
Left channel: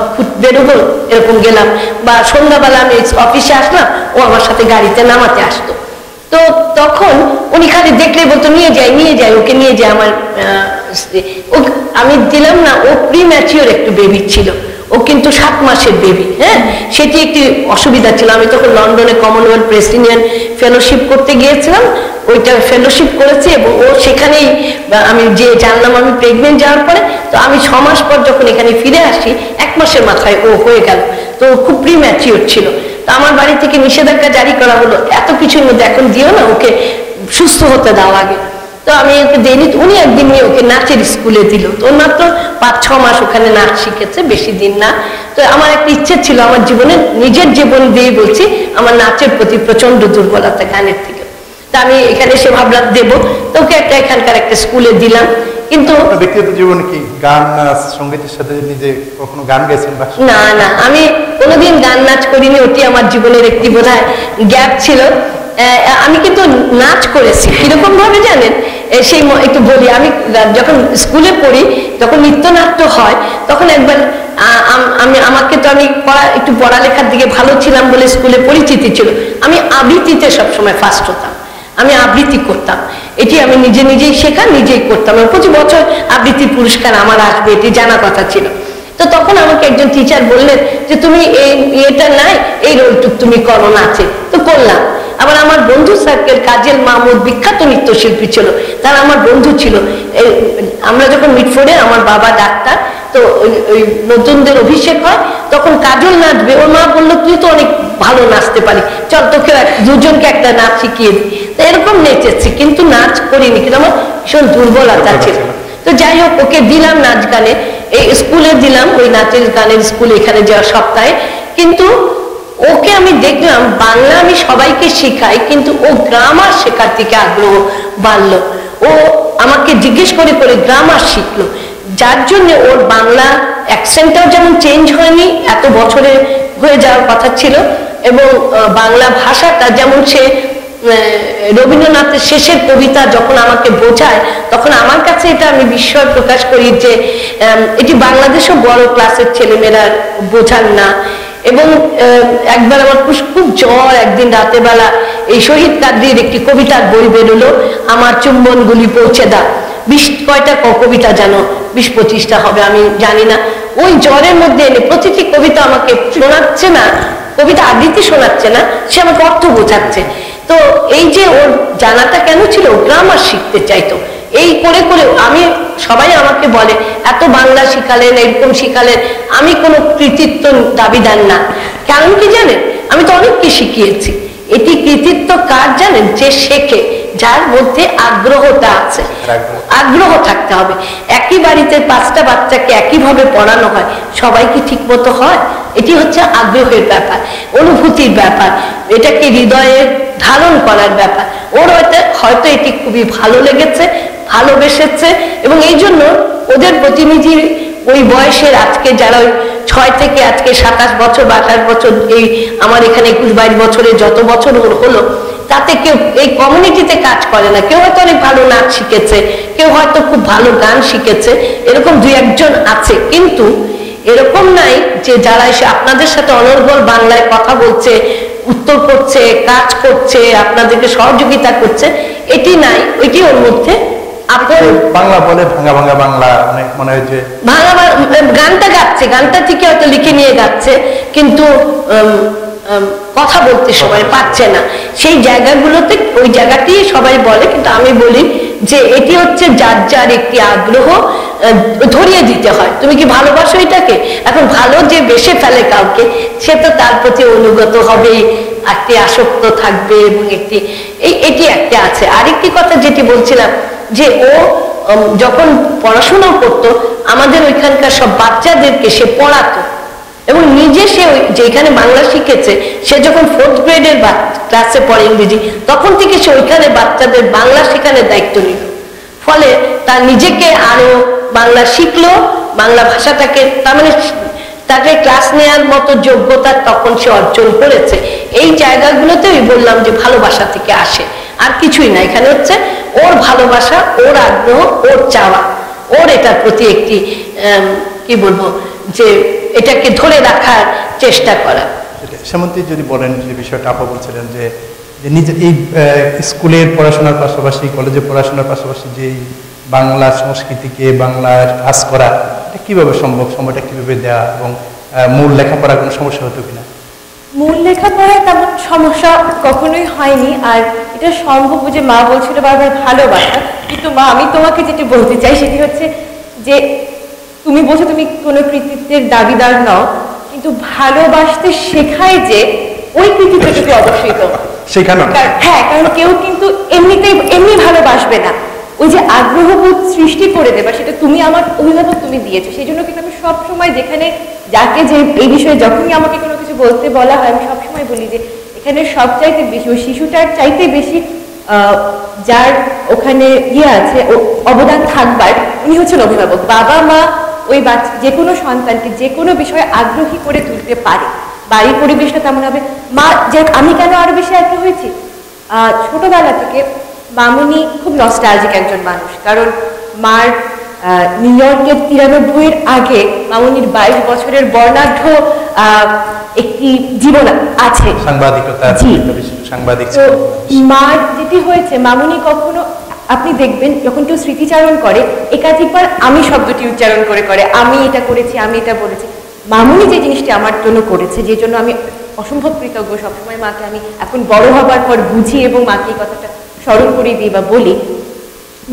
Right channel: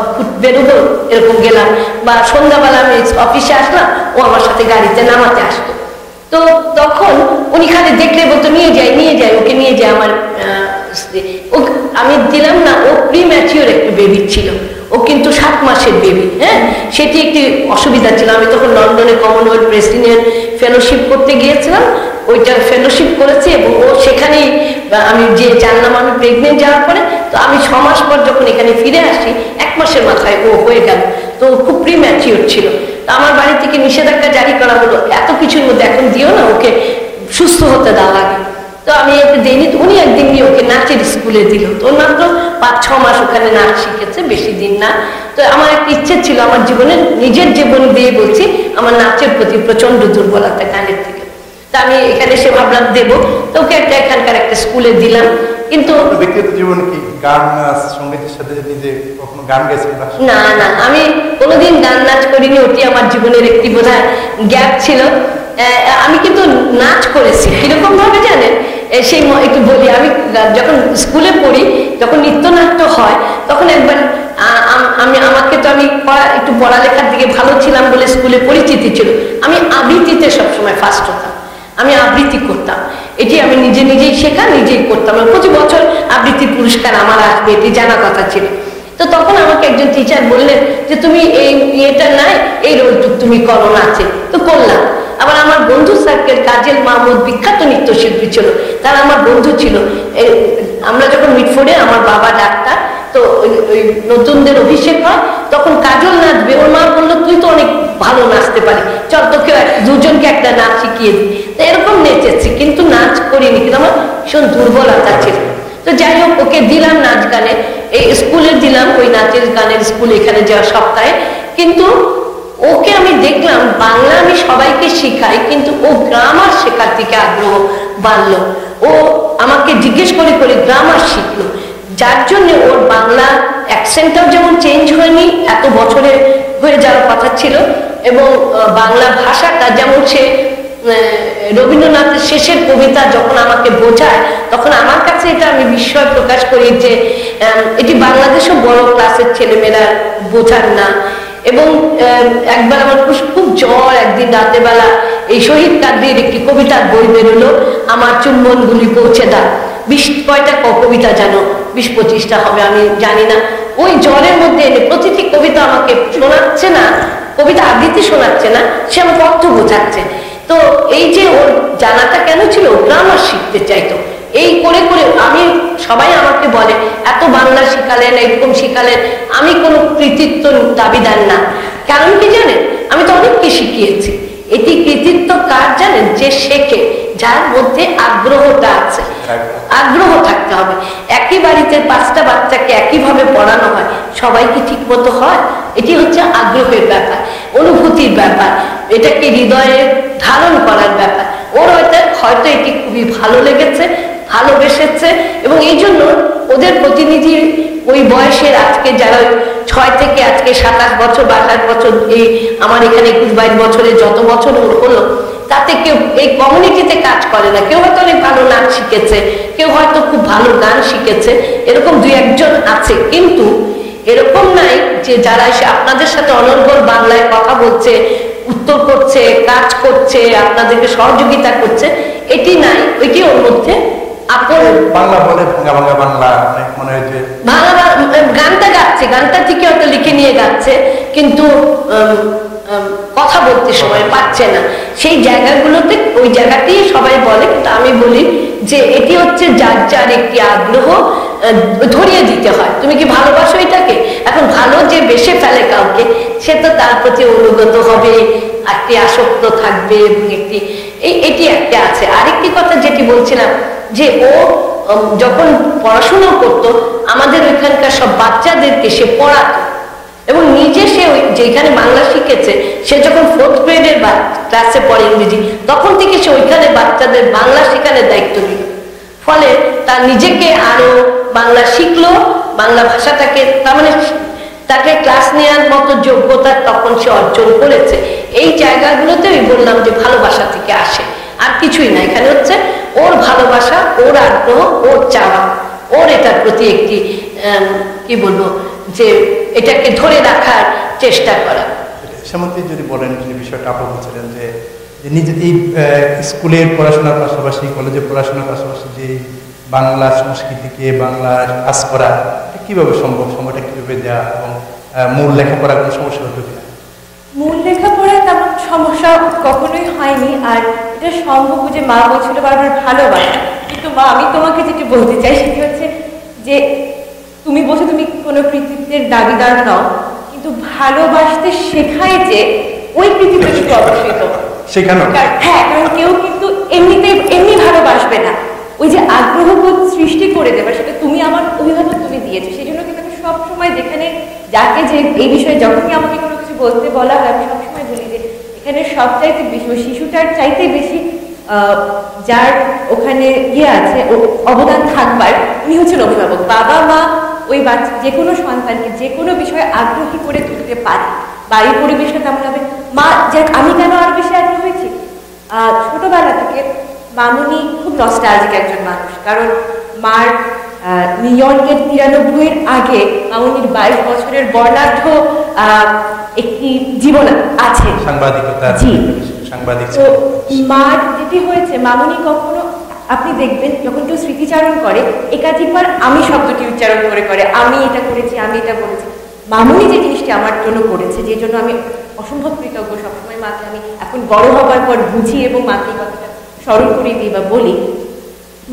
বেরোবো, এরকম গেলাম। বা সন্ধ্যাবেলা আমি অফিসে আসলাম, ও আমার সাথে গাড়িতে নামাতে আসতো। তো তখন উনি খালি দেখলে বলতো নিয়ে যাই ওকে নিয়ে যায়। আমার আমি দিলাম না, ও প্রিম্যাচিওর একটু বেবি ছিল, ও কিন্তু 7 মাসের বেবি। হ্যাঁ, সেটি একটি অসুবিধা ছিল। আমি তখন লন্ডনে কমনওয়েলথ প্রেসিডেন্ট ফেলোশিপ করতে গিয়েছিলাম, ওইটা ফেলোশিপ করেছি। এবং ও সেখানেই আমি যে জানলাম আমি প্রেগনেন্ট যাওয়ার পরে, তো আমি 6 মাস পর যখন এখানে ফিরে আসি, 1 মাসের মাথায় ও হয়ে গেল। তো খুব প্রিম্যাচিওর ছিল। তো আমার বাড়ি থেকে নিষেধাজ্ঞা জারি করা হলো, এত কিছুর মধ্যে এখন দিও না, ওকে সুস্থ হতে দাও আগে। তো আমি ওকে দেইনি। উনি একদিন নিয়ে ওকে নাচের স্কুলে দিল। তো মাত্র 5-6 মাস ওখানে নাচ শিখেছে, বেশি দিন না। তো আমার একটা ইচ্ছে ছিল, আমার জীবনের নিজের জীবন দিয়ে বলছি, আমার নাচের প্রতি প্রচন্ড দুর্বলতা, গানের থেকে। তা আমি এখানে এসে ভাবলাম দেবো, তো ওকে এখানকার একটা স্কুলে দিলাম। কিন্তু ব্যক্তিগত জীবনে কি গান, নাচ, সঙ্গীতের সাথে নিজে কখনো গান গেছেন? না, আমি কোনোদিন গান নাচ করিনি। ওটি আমার জীবনের একটি বোধহয় গ্যাপ ছিল। আমি কিন্তু নাচ করেছি, কিরকম ভাবে জানেন, সেই একটু বলি। আমি যখন স্কুলে পড়ি, যখন নৃত্যনাট্য হয়, তখন একবার আমাকে তো আমি একটু পড়ালেখার দিকে ভালো ছিলাম বলে স্কুলে পরিচিতি ছিল। আমি আবৃত্তিতে সবসময় ফার্স্ট হতাম, আমি আবৃত্তি করতাম। এটি আমি নিজেই শেখা, নিজেই করতাম। প্রতি বছর আবৃত্তির পুরস্কার আমার আসবে, এটি জানা কথা ছিল। তো তখন আমাকে একজন টিচার বললেন যে তুমি এই ইয়েটা নাই, এই রোলটুক তুমি করো নাচে। তো করলাম। আবার আমার বন্ধু সার্কেল কাজল মাহমুদ বিখ্যাত নৃত্যশিল্পী ছিল, তারা আমার বন্ধু ছিল। আমরা যখন মিটফোর্ডে, আমার বাবা ডাক্তার, তো ওই নতুনদের অভিষেক হয়, তখন কাজল নাচবে, ওর মা বললো তুই তো অনেক ভালো নাচতে পারি, চল তোকে দুজনকে একটা নাচ শিখিয়ে দিই। তো এরকম নেচেছি, কিন্তু নাচ করিনি, কিন্তু আমার ভীষণ দুর্বলতা ছিল। তো যাই হোক, ওকে দিলাম নাচ গানে, এই স্কুলে দিলাম, ওই নাচের গানের স্কুল এখানে যাওয়া সপ্তাহে। কিন্তু ওকে আমি দেখলাম বাংলা আমি সবাইকে শেখাই, কিন্তু ও গ্রামার শেখার দিকে আগ্রহ বাড়লো। ও আমাকে জিজ্ঞেস করে করে গ্রামার শিখলো, যার জন্য ওর বাংলা অ্যাকসেন্টটাও যেমন চেঞ্জ হয়নি, এত বছরে হয়ে যাওয়ার কথা ছিল, এবং বাংলা ভাষাটা যেমন সে রবীন্দ্রনাথের শেষের কবিতা যখন আমাকে বোঝায়, তখন আমার কাছে এটা আমি বিস্ময় প্রকাশ করি যে এটি বাংলাদেশও বড় ক্লাসের ছেলেমেয়েরা বোঝান না। এবং একবার আমার খুব জ্বর, একদিন রাতের বেলা এই শহীদ কাদরির একটি কবিতার বই বেরোলো, আমার চুম্বনগুলি পৌঁছে দাও। 20 কয়টা কবিতা জানো, 20-25টা হবে, আমি জানি না। ওই জ্বরের মধ্যে এনে প্রতিটি কবিতা আমাকে শোনাচ্ছে না, কবিতা আবৃত্তি শোনাচ্ছে না, সে আমাকে অর্থ বোঝাচ্ছে। তো এই যে ওর জানাটা কেন ছিল, গ্রামার শিখতে চাইতো। এই করে করে আমি, সবাই আমাকে বলে এত বাংলা শিখালেন, এরকম শিখালেন, আমি কোনো কৃতিত্ব দাবিদার না। কারণ কি জানেন, আমি তো অনেককে শিখিয়েছি। এটি কৃতিত্ব কার জানেন, যে শেখে, যার মধ্যে আগ্রহটা আছে। আগ্রহ থাকতে হবে। একই বাড়িতে 5টা বাচ্চাকে একইভাবে পড়ানো হয়, সবাই কি ঠিক মতো হয়? এটি হচ্ছে আগ্রহের ব্যাপার, অনুভূতির ব্যাপার, এটাকে হৃদয়ে ধারণ করার ব্যাপার। ওর হয়তো এটি খুবই ভালো লেগেছে, ভালোবেসেছে, এবং এই জন্য ওদের প্রতিনিধি ওই বয়সের, আজকে যারা ওই 6 থেকে আজকে 27 বছর বা 28 বছর, এই আমার এখানে 21-22 বছরে যত বছর ওর হলো, তাতে কেউ এই কমিউনিটিতে কাজ করে না। কেউ হয়তো অনেক ভালো নাচ শিখেছে, কেউ হয়তো খুব ভালো গান শিখেছে, এরকম 2-1 আছে। কিন্তু এরকম নাই যে যারা এসে আপনাদের সাথে অনর্গল বাংলায় কথা বলছে, উত্তর করছে, কাজ করছে, আপনাদেরকে সহযোগিতা করছে, এটি নাই। ওইটি ওর মধ্যে আপন বাংলা বলে, ভাঙা ভাঙা বাংলা, অনেক মনে হয় যে ভাঙা গানটা গাচ্ছে, গানটা থেকে হয়তো লিখে নিয়ে গাচ্ছে, কিন্তু কথা বলতে সময় পাচ্ছে না। সেই জায়গাগুলোতে ওই জায়গাটি সবাই বলে, কিন্তু আমি বলি যে এটি হচ্ছে যার যার একটি আগ্রহ ধরিয়ে দিতে হয়। তুমি কি ভালোবাসো এটাকে? এখন ভালো যে বেসে ফেলে কাউকে, সে তো তার প্রতি অনুগত হবে, একটি আসক্ত থাকবে, এবং এটি একটা আছে। আরেকটি কথা যেটি বলছিলাম, যে ও যখন পড়াশোনা করতো, আমাদের ওইখানকার সব বাচ্চাদেরকে সে পড়াতো, এবং নিজে সে যেখানে বাংলা শিখেছে, সে যখন 4th গ্রেডের ক্লাসে পড়ে ইংরেজি, তখন থেকে সে ওইখানে বাচ্চাদের বাংলা শেখানোর দায়িত্ব নিল। ফলে তার নিজেকে আরো বাংলা শিখলো, বাংলা ভাষাটাকে, তার মানে তাকে ক্লাস নেওয়ার মতো যোগ্যতা তখন সে অর্জন করেছে। এই জায়গাগুলোতে আমি বললাম যে ভালোবাসা থেকে আসে, আর কিছুই না। এখানে হচ্ছে ওর ভালোবাসা, ওর আগ্রহ, ওর চাওয়া, ওর এটার প্রতি একটি কি বলবো, যে এটাকে ধরে রাখার চেষ্টা করা। সেমন্তি যদি বলেন যে বিষয়টা আপা বলছিলেন যে নিজের এই স্কুলের পড়াশোনার পাশাপাশি, কলেজে পড়াশোনার পাশাপাশি যে বাংলা সংস্কৃতিকে, বাংলা কাজ করা, এটা কিভাবে সম্ভব, সময়টা কিভাবে দেওয়া, এবং মূল লেখাপড়া কোনো সমস্যা হতো কিনা? মূল লেখাপড়ায় তেমন সমস্যা কখনোই হয়নি। আর এটা সম্ভব, যে মা বলছিল বারবার ভালোবাসা, কিন্তু মা আমি তোমাকে যেটি বলতে চাই সেটি হচ্ছে যে তুমি বলছো তুমি কোনো কৃতিত্বের দাবিদার নও, কিন্তু ভালোবাসতে শেখায় যে ওই কৃতিত্বটুকু অবশ্যই তো শেখানো। হ্যাঁ, কারণ কেউ কিন্তু এমনি ভালোবাসবে না, ওই যে আগ্রহবোধ সৃষ্টি করে দেবা, সেটা তুমি আমার অভিভাবক, তুমি দিয়েছো। সেই জন্য কিন্তু আমি সবসময় যেখানে যাকে যে এই বিষয়ে যখনই আমাকে কোনো কিছু বলতে বলা হয়, আমি সবসময় বলি যে এখানে সব চাইতে বেশি, ওই শিশুটার চাইতে বেশি যার ওখানে আছে অবদান থাকবার, উনি হচ্ছেন অভিভাবক। বাবা মা ওই বাচ্চা, যে কোনো সন্তানকে যে কোনো বিষয়ে আগ্রহী করে তুলতে পারে। বাড়ির পরিবেশটা তেমন হবে। মা, যে আমি কেন আরো বেশি আগ্রহ হয়েছি, ছোটবেলা থেকে মামুনি খুব নস্টালজিক একজন মানুষ, কারণ মার নিউ ইয়র্কের 93-এর আগে মামুনির 22 বছরের বর্ণাঢ্য একটি জীবন আছে, সাংবাদিকতা, সাংবাদিক। মার যেটি হয়েছে, মামুনি কখনো, আপনি দেখবেন যখন কেউ স্মৃতিচারণ করে, একাধিকবার আমি শব্দটি উচ্চারণ করে, আমি এটা করেছি, আমি এটা বলেছি। মামুনি যে জিনিসটি আমার জন্য করেছে, যে জন্য আমি অসম্ভব কৃতজ্ঞ। সবসময় মাকে আমি এখন বড় হবার পর বুঝি এবং মাকে এই কথাটা স্মরণ করে দিই বা বলি।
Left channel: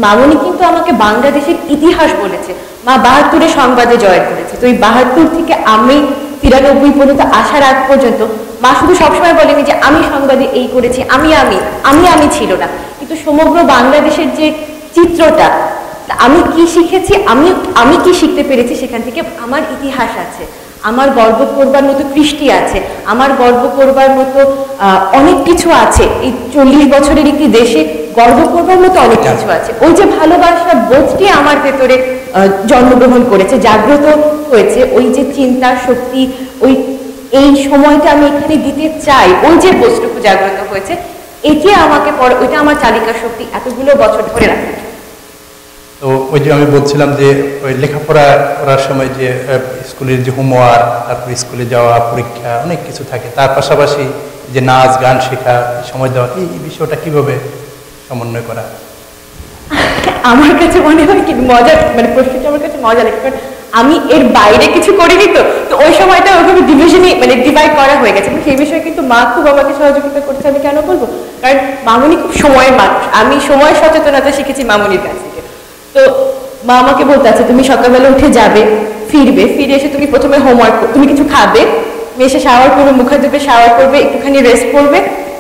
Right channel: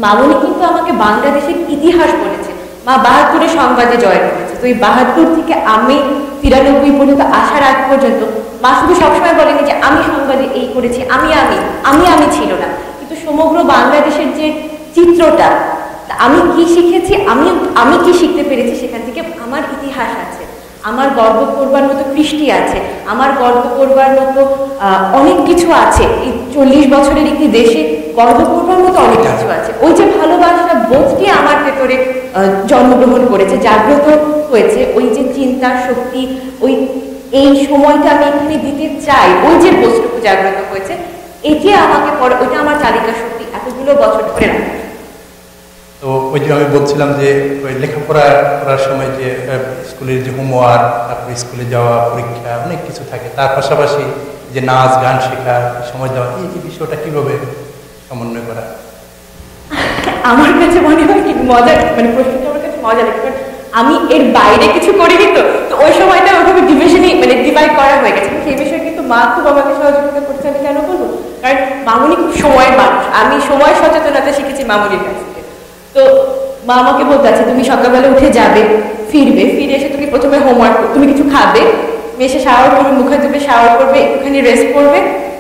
মামনি কিন্তু আমাকে বাংলাদেশের ইতিহাস বলেছে। মা ৭২-এ সংবাদে জয় করেছে, তো এই ৭২ থেকে আমি ৯৩ পর্যন্ত আসার আগ পর্যন্ত মা শুধু সবসময় বলেনি যে আমি সংবাদে এই করেছি, আমি ছিল না, কিন্তু সমগ্র বাংলাদেশের যে চিত্রটা, আমি কি শিখেছি, আমি কি শিখতে পেরেছি, সেখান থেকে আমার ইতিহাস আছে, আমার গর্ব করবার মতো কৃষ্টি আছে, আমার গর্ব করবার মতো অনেক কিছু আছে। এই ৪০ বছরের একটি দেশে গর্ব করবার মতো অনেক কিছু আছে। ওই যে ভালোবাসা বোধটি আমার ভেতরে জন্মগ্রহণ করেছে, জাগ্রত হয়েছে, ওই যে চিন্তার শক্তি, এই সময়টা আমি এখানে দিতে চাই, ওই যে বস্তুটুকু জাগ্রত হয়েছে, এটি আমাকে ওইটা আমার চালিকা শক্তি এতগুলো বছর ধরে রাখা। তো ওই যে আমি বলছিলাম যে ওই লেখাপড়া করার সময় যে স্কুলের যে হোমওয়ার্ক, তারপর স্কুলে যাওয়া, পরীক্ষা, অনেক কিছু থাকে, তার পাশাপাশি যে নাচ গান শেখা, সময় দেওয়া, এই বিষয়টা কিভাবে সমন্বয় করা? আমার কাছে মনে হয় কি মজার, মানে প্রশ্নটা আমার কাছে মজা লাগে, কারণ আমি এর বাইরে কিছু করিনি, তো ওই সময়টা ওইভাবে ডিভাইড করা হয়ে গেছে। সেই বিষয়ে কিন্তু মা খুব আমাকে সহযোগিতা করছে। আমি কেন বলবো, কারণ মামনি খুব সময়ের মানুষ, আমি সময় সচেতনতা শিখেছি মামনির কাছ থেকে। তো মা আমাকে বলতে আছে, তুমি সকালবেলা উঠে যাবে, ফিরে এসে তুমি প্রথমে হোমওয়ার্ক, তুমি কিছু খাবে, এসে শাওয়ার করবে, মুখে ধুবে, শাওয়ার করবে, একটুখানি রেস্ট করবে,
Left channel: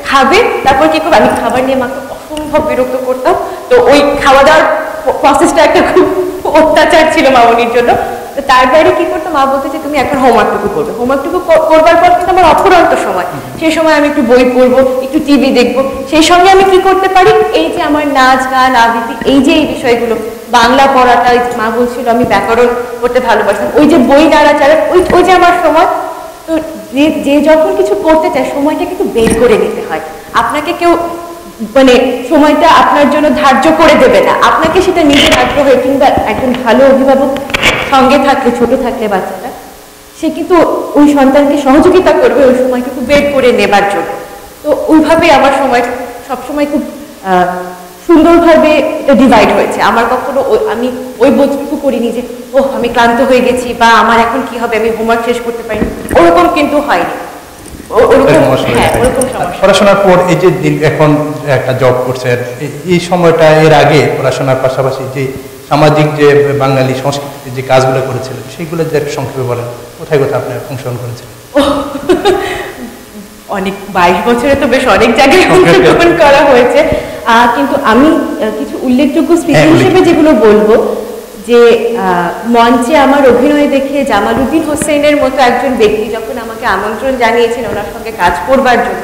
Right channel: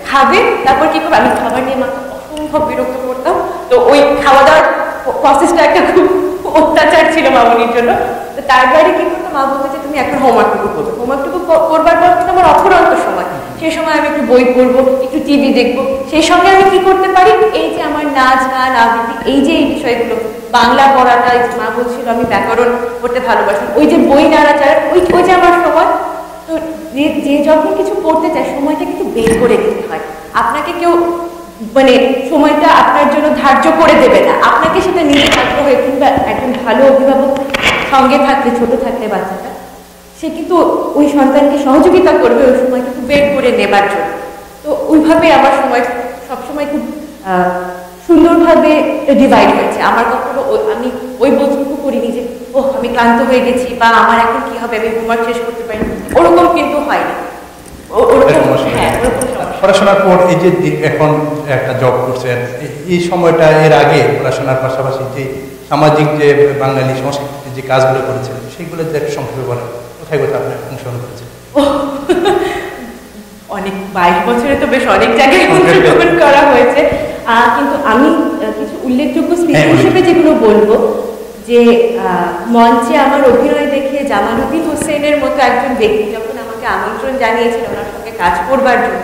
খাবে, তারপর কি করবে, আমি খাবার নিয়ে মাকে অসম্ভব বিরক্ত করতাম। তো ওই খাওয়া দাওয়ার প্রসেসটা একটা খুব অত্যাচার ছিল মামনির জন্য। তো তার বাইরে কি করতো, মা বলতে যে তুমি এখন হোমওয়ার্কটুকু করবে, হোমওয়ার্কটুকু করবার পর কিন্তু আমার অফুরন্ত সময়, সেই সময় আমি একটু বই পড়বো, একটু টিভি দেখবো, সেই সঙ্গে আমি কি করতে পারি, এই যে আমার নাচ গান আবৃত্তি, এই যে এই বিষয়গুলো, বাংলা পড়াটা, মা বলছিল আমি ব্যাকরণ পড়তে ভালোবাসতাম, ওই যে বই নাড়াচাড়া, ওই যে আমার সময়। তো যে যখন কিছু করতে চায় সময়টা কিন্তু বের করে নিতে হয়। আপনাকে কেউ মানে সময়টা আপনার জন্য ধার্য করে দেবে না, আপনাকে সেটা নিজের আগ্রহে, কিংবা একজন ভালো অভিভাবক সঙ্গে থাকলে, ছোট থাকলে বাচ্চাটা, সে কিন্তু ওই সন্তানকে সহযোগিতা করবে ওই সময়টুকু বের করে নেবার জন্য। তো ওইভাবে আমার সময় সবসময় খুব সুন্দরভাবে ডিভাইড হয়েছে। আমার কখনো আমি ওই বোধটুকু করিনি যে আমি ক্লান্ত হয়ে গেছি, বা আমার এখন কি হবে, আমি হোমওয়ার্ক শেষ করতে পারিনি, ওরকম কিন্তু হয়নি। পড়াশোনার পর এই যে এখন একটা জব করছেন, এই সময়টা, এর আগে পড়াশোনার পাশাপাশি যে সামাজিক যে বাঙালি সংস্কৃতিতে যে কাজগুলো করেছিলেন, সেইগুলো যে সংক্ষেপে বলেন, কোথায় আপনি অংশগ্রহণ করেছিলেন? অনেক 22 বছরে তো বেশ অনেক জায়গায় অংশগ্রহণ করা হয়েছে, কিন্তু আমি কিছু উল্লেখযোগ্য স্মৃতি হিসেবে যেগুলো বলবো, যে মঞ্চে আমার অভিনয় দেখে জামালউদ্দিন হোসেনের মতো একজন ব্যক্তি যখন আমাকে আমন্ত্রণ জানিয়েছেন ওনার সঙ্গে কাজ করবার জন্য,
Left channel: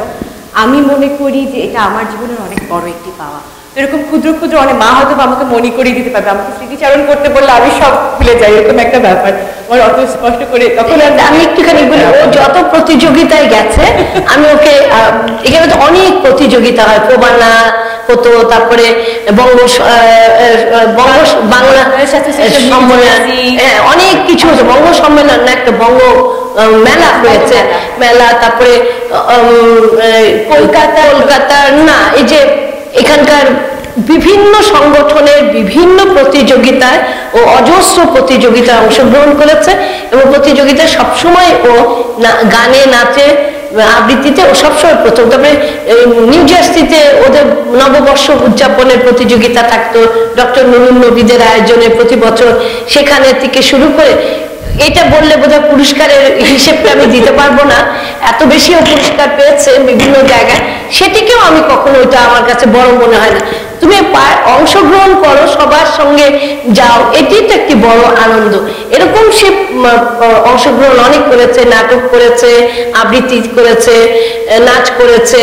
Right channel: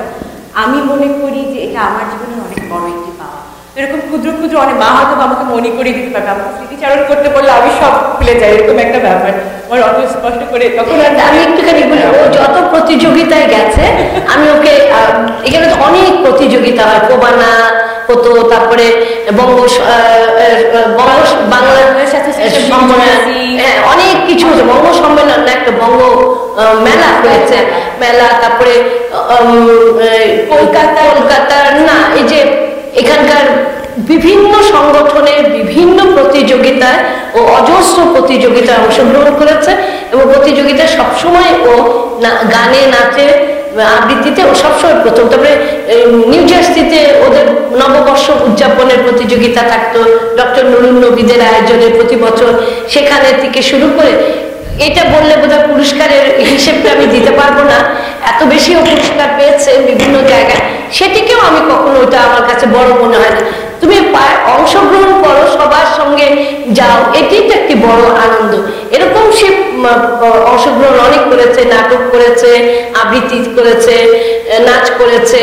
আমি মনে করি যে এটা আমার জীবনের অনেক বড় একটি পাওয়া। তো এরকম ক্ষুদ্র ক্ষুদ্র অনেক, মা হয়তো আমাকে মনে করিয়ে দিতে পারবে, আমাকে স্মৃতিচারণ করতে বললে আমি সব ভুলে যাই, এরকম একটা ব্যাপার আমার অত স্পষ্ট করে। তখন আমি একটুখানি বলি, ও যত প্রতিযোগিতায় গেছে, আমি ওকে, এখানে তো অনেক প্রতিযোগিতা হয়, প্রবানা হতো, তারপরে বাংলা সম্মেলন, অনেক কিছু হচ্ছে, বঙ্গ সম্মেলন না, একটা বঙ্গ মেলা হয়েছে, মেলা, তারপরে কলকাতার না, এই যে এখানকার বিভিন্ন সংগঠনের বিভিন্ন প্রতিযোগিতায় ও অজস্র প্রতিযোগিতায় অংশগ্রহণ করেছে, এবং প্রতিযোগিতায় সবসময় ও গানে, নাচে, আবৃত্তিতে ও সবসময় প্রথম। তারপরে নিউ জার্সিতে ওদের নববর্ষ উদযাপনের প্রতিযোগিতা থাকতো, ডক্টর নুরুন নবীদের আয়োজনে প্রতি বছর, সেখানে থেকে শুরু করে, এটা বললে বোধহয় পুরস্কারের হিসেবটা আমি দিতে পারবো না, এত বেশিও পুরস্কার পেয়েছে বিভিন্ন জায়গায়, সেটিকেও আমি কখনো, ওইটা আমার কাছে বড় মনে হয় না। তুমি অংশগ্রহণ করো, সবার সঙ্গে যাও, এটি তো একটি বড় আনন্দ। এরকম সে অংশগ্রহণ অনেক করেছে, নাটক করেছে, আবৃত্তি করেছে, নাচ করেছে,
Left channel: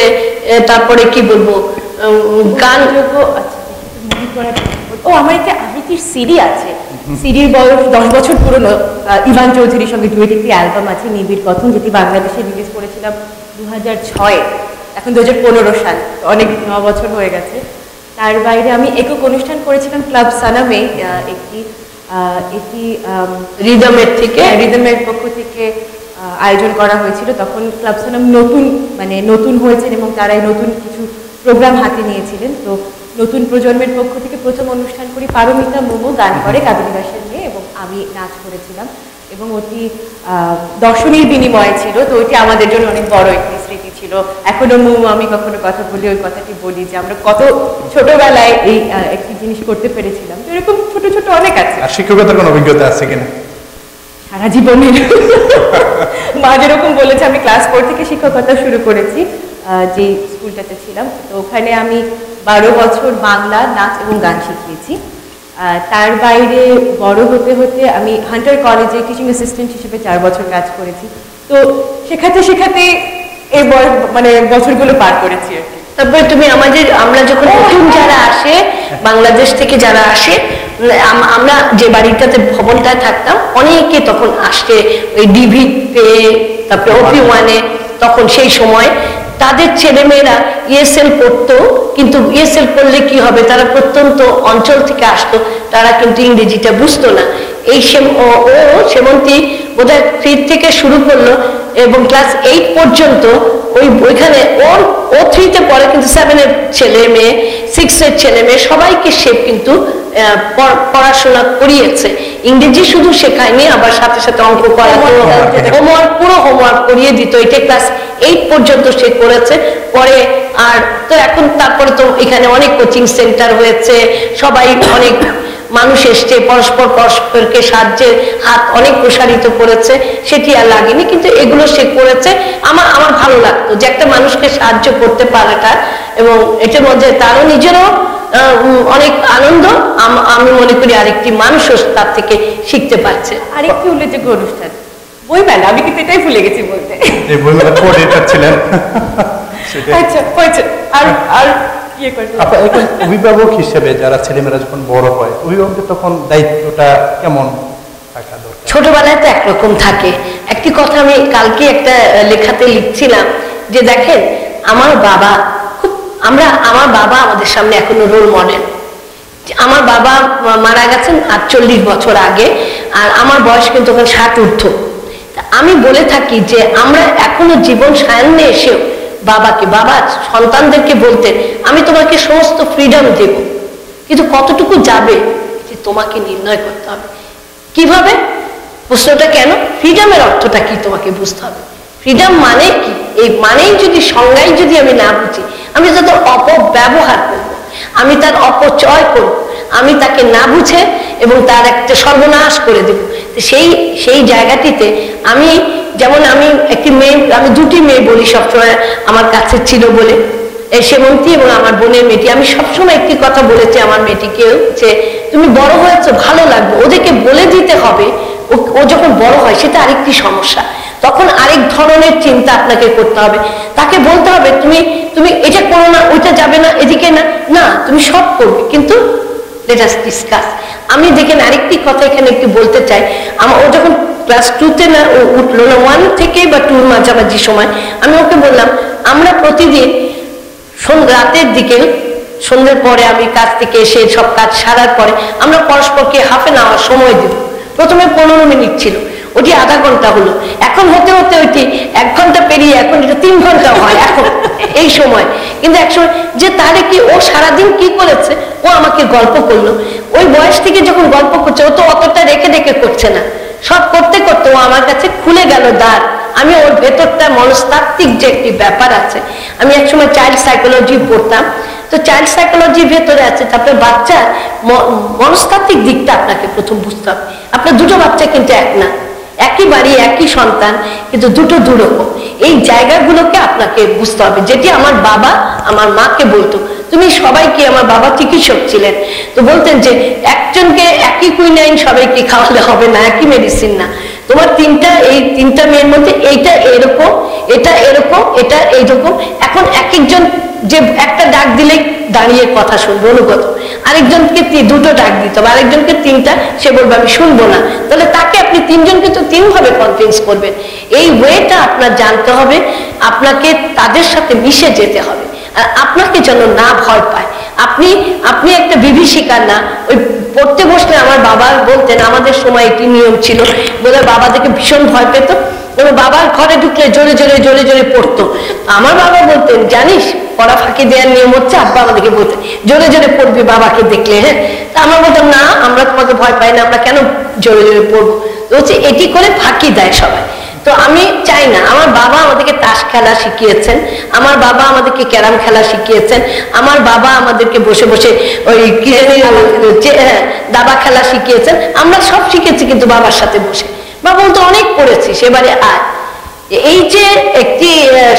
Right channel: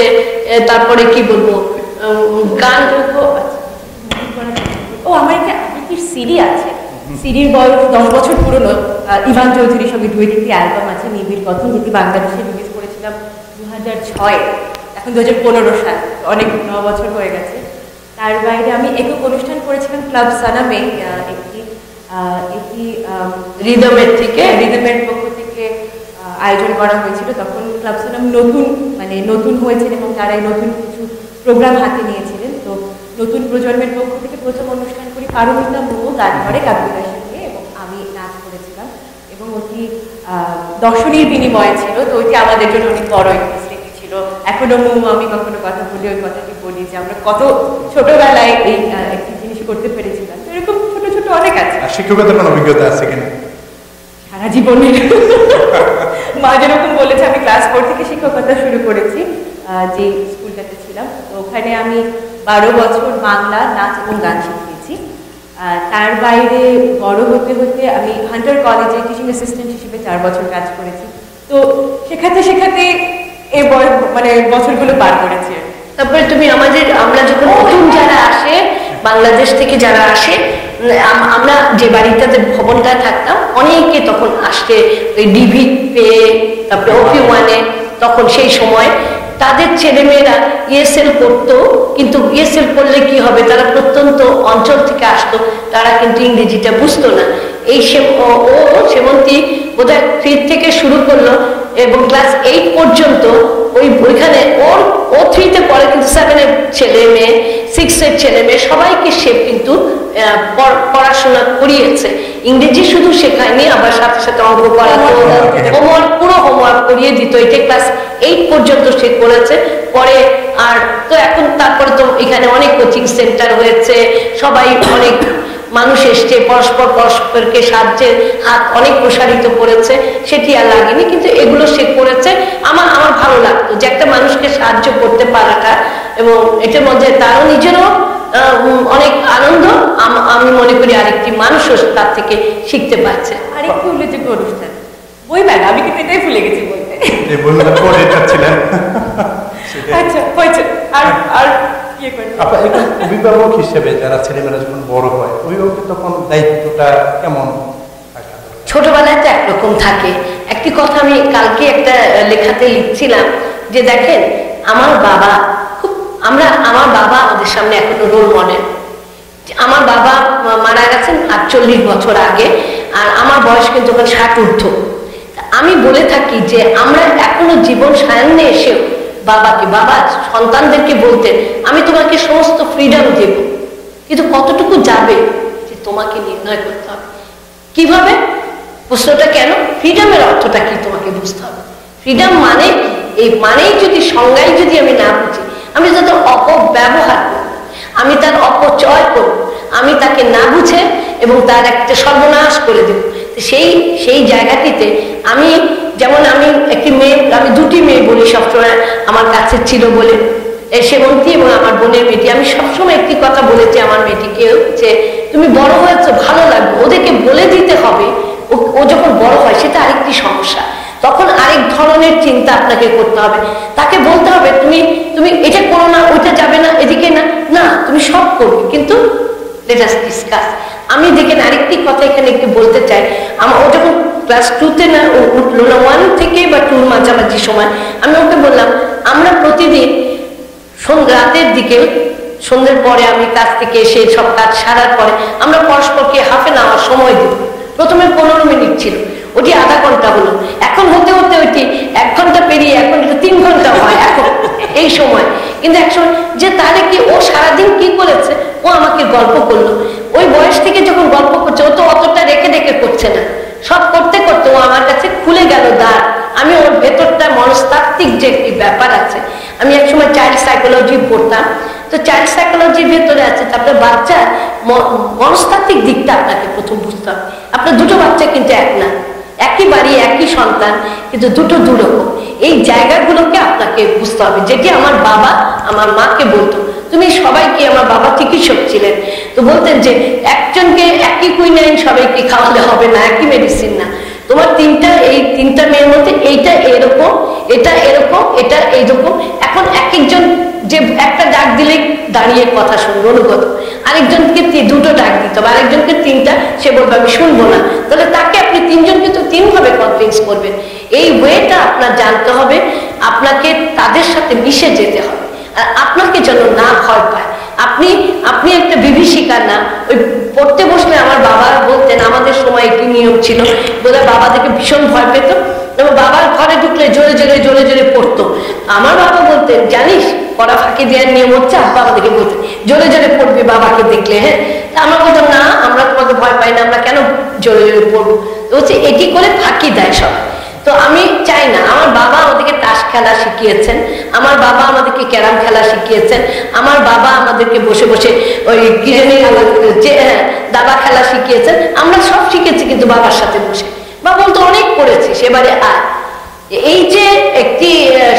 তারপরে কি বলবো, গান। আমার একটা আবৃত্তির সিডি আছে, সিডির বয়স 10 বছর পুরনো, ইভান চৌধুরীর সঙ্গে ডুয়েট একটি অ্যালবাম আছে, নিবিড় কথন, যেটি বাংলাদেশে রিলিজ করেছিলাম 2006-এ, এখন 2015 সাল, অনেক 9 বছর হয়ে গেছে। তার বাইরে আমি একক অনুষ্ঠান করেছিলাম ক্লাব সানামে, এটি রিদমের পক্ষ থেকে আয়োজন করা হয়েছিল। তখন ক্লাব সানাম নতুন হয়েছেন এবং তারাই নতুন কিছু প্রোগ্রাম হাতে নিয়েছিলেন। তো নতুন প্রজন্মের পক্ষ থেকে প্রথম অনুষ্ঠান করি, পারমিতা মোমো গান করে কাবেরী বাসের মেয়ে, এবং আমি নাচ করেছিলাম। এবং ওটি দর্শনীর বিনিময়ে ছিল, তো ওইটি আমাদের জন্য অনেক বড় একটি স্মৃতি ছিল। এখনো আমি কখনো কথা বলি, ওই কথাটি বলি যে আমরা কত ছোটবেলায় এই একটি জিনিস করতে পেরেছিলাম। তো এরকম ছোট ছোট অনেক আছে। আর শিক্ষকতার কোনো অভিজ্ঞতা আছে কিনা? সারা জীবনের মা যেরকম বলেছে, আমি ক্লাস 4 থেকে শিক্ষকতা শুরু করেছি যে স্কুলটাতে ছিলাম। তো ওখানে আমি 12 বছর বাংলা, নাচ এবং গান শিখিয়েছি। তার বাইরে বড় হতে হতে আমি হান্টার কলেজে টিচিং অ্যাসিস্ট্যান্ট হিসেবে 4 বছর কাজ করেছি। তো শেখাতে শেখাতে এই মানে বছরগুলো পার করেছি আর কি। তারপরে তুমি আমরা যখন নতুন যারা আসে, বাংলাদেশ থেকে যারা আসে, আমরা যে বাড়িটাতে ভবনটায় থাকতাম, অনেকে তখন আসছে ওই ডিভি পেয়ে, তারপরে OP1 তখন সেই সময় তাদের ছেলেমেয়েরা ESL পড়তো, কিন্তু ESL পড়লে কি হবে, তারা প্রত্যন্ত অঞ্চল থেকে আসতো, তারা কিন্তু ইংরেজিটা বুঝতো না। এই সেমন্তী বোধহয় 3 থেকে শুরু করলো এবং ক্লাস 8 পর্যন্ত ওইখানে ও 3-তে পড়ে, কিন্তু 7-এর ছেলে মেয়ে, 6-এর ছেলে মেয়ে সবাইকে সে কিন্তু পড়াশোনা করিয়েছে। ইংরেজি শুধু শেখায়নি, আবার সাথে সাথে অঙ্ক করাতো, পুরো হোমওয়ার্ক করিয়ে দিত। এটা ক্লাস 8 পর্যন্ত সে করেছে। পরে আর তো এখন তারপরে তো এখানে অনেক কোচিং সেন্টার হয়েছে, সবাই অনেক মানুষ এসছে, পরস্পরকে সাহায্যের হাত অনেক প্রসারিত করেছে, সেটি আর লাগেনি, কিন্তু এগুলো সে করেছে। আমার ভালো লাগতো যে একটা মানুষকে সাহায্য করতে পারাটা, এবং এটার মধ্যে তারও নিজেরও অনেক আনন্দ, আমি মনে করি আরেকটি মানুষও তার থেকে শিখতে পারছে। আরেকটি উল্লেখযোগ্য অনুষ্ঠান বইমেলা, আমি কিন্তু এটাই ভুলে গেছি বলতে। এই বইমেলা কোঅর্ডিনেটর ছিলেন। আচ্ছা হয়েছে। আর ইয়ে করেন আপনার এখন অভিভাবক হিসেবে যারা ছেলেমেয়েরা যখন বড় হয়, অভিভাবকদের তখন দায়িত্বটা কেমন থাকা দরকার? ছোটবেলায় তো একরকম থাকে। একটি কথা আমি কালকে একটা লেখাতে লিখছিলাম যে দেখেন, আমার বাবা আমাদের সামনে এখনো রোল মডেল। আমার বাবা মারা গেছেন 48 বছর আগে, আর আমার বয়স কিন্তু ওখানে 60 ঊর্ধ্ব। আমি বলে থাকি যে আমরা এখনো জীবন সায়ান্নে এসেও বাবা সন্তানদেরকে বলতেন, আমি তোমাকে সমস্ত ফ্রিডম দেব, কিন্তু কতটুকু যাবে যে তোমাকে নির্ণয় করতে হবে। কিভাবে? প্রশ্নটা কেন? ফ্রিডমের অর্থটা কি তোমাকে বুঝতে হবে। ফ্রিডম মানে কি, এই মানেই যদি সংজ্ঞায় যদি আমি না বুঝি, আমি যত অপব্যবহার করব, আমি তার অপচয় করব, আমি তাকে না বুঝে এবং তার একটা সর্বনাশ করে দেব। সেই জায়গাটিতে আমি একটি মেয়ে, আমি 2টি মেয়ে বলি সবসময় আমার কাছে ছিল বলে, সেমন্তী এবং আমার বোনের মেয়েটি। আমি সবসময় একটি কথা বলেছি আমার মেয়েটিকেও, যে তুমি বড় হয়েছো, ভালো লাগবে, ওদেরকে বলে দিতে হবে। ও যখন বড় হয় সেটা আরেকটি সমস্যা, তখন আরেক ধরনের চিন্তা আপনাকে করতে হবে। তাকে বলতে হবে তুমি এটা করো না, ওইটা যাবে না, এদিকে না, তুমি সব করবে, কিন্তু লেট আস ডিসকাস। আমি দেখেন আরেকটি কথা এখানে একটু বলতে চাই। ও যখন ক্লাস 2-তে না উঠলো না, 1 থেকে বা 2-র মাঝামাঝি সময়, আমি ওকে বললাম, আমরা প্রতিদিন রাতের দিকে, সন্ধ্যের পরে আমি কাজ থেকে এসে সব কাজ সারার পরে আমরা পরস্পরকে হাফ এন আওয়ার সময় দেব। প্রথমে 15 মিনিট ছিল, ওটি আধা ঘন্টা হলো, এখন হতে হতে ওইটি 1 ঘন্টা পেরিয়ে এখন এটা 3 ঘন্টা হয় এখন এই সময়। কিন্তু একসময় যে তাহলে কি ও সারাদিন কি করেছে, ও আমাকে গল্প করলো। ওই বয়স থেকে যখন গল্প করছে, ও তো অতটা রেখে করছে না, সব করতে করতে ও আমার কাছে খুলে গেল দ্বার। আমি ওর ভেতরটা মনস্তাত্ত্বিক যে একটি ব্যাপার আছে, আমি একসময় চাইল্ড সাইকোলজি পড়তাম, তো চাইল্ড সাইকোলজির ভেতরে আছে, তারপরে বাচ্চার মনস্তাত্ত্বিক দিকটা আপনাকে প্রথম বুঝতে হবে। আপনার 2টো বাচ্চা কিন্তু এক না, একই বাড়ি একই সন্তান, কিন্তু 2টো দুরকম। এই জায়গাগুলোকে আপনাকে বুঝতে হবে, যেটি আমার বাবা আমার মাকে বলতো। তুমি সবাইকে, আমার বাবা চিকিৎসক ছিলেন, তো বলতেন যে একজনকে একই কুইনাইন সবাইকে খাওয়ালে হবে না, একই মেডিসিন না, তোমার এই 3টা মেয়ের মধ্যে এইটা এরকম, এটা এরকম, এটা এইরকম। এখন একজন যে একটা ডাক দিলে দাঁড়িয়ে কথা শুনবে অনুগত, আরেকজনকে 2টো ডাক দিতে হবে, আরেকজনকে 3টা, সে বলবে আমি শুনবো না। তাহলে তাকে আপনি 3জনকে তো 3 ভাবে কনভিন্স করবেন। এই ওয়েটা আপনার জানতে হবে, আপনাকে তাদের সাথে মিশে যেতে হবে, আর আপনাকে যেন না ভয় পায়। আপনি একটা বিভীষিকা না। ওই পড়তে বসলে আমার বাবা বলতেন, আমাদের সময় এটি নিয়ম ছিল, বোধহয় বাবাদেরকে ভীষণ ভয় পেত, আমার বাবার ঘরে ঢুকলে জোরে জোরে জোরে জোরে পড়তো। আমার বাবা বলতেন, জানিস পড়া ফাঁকি দেওয়ার নিয়ম হচ্ছে, আব্বা আমাদেরকে বলতেন জোরে জোরে পড়বি বাবাকে দেখলে। হ্যাঁ, তা আমরা বলতাম না, আমরা তোমাকে ভয় পাই না, আমরা কেন জোরে জোরে পড়বো। তো হচ্ছে এটি করে ফাঁকি দেয় সবাই। তো আমি চাই না, আমার বাবা আমাদেরকে তাস খেলা শিখিয়েছেন, আমার বাবা আমাদেরকে ক্যারাম খেলা শিখিয়েছেন, আমার বাবা আমাদেরকে বসে বসে ওই কি জানি দাবা খেলা শিখিয়েছেন। আমরা সব শিখেছি কিন্তু বাবার সাথে বসে। বাবা বলতো অনেক পড়েছি, সেবারে আয়। এই যে একটি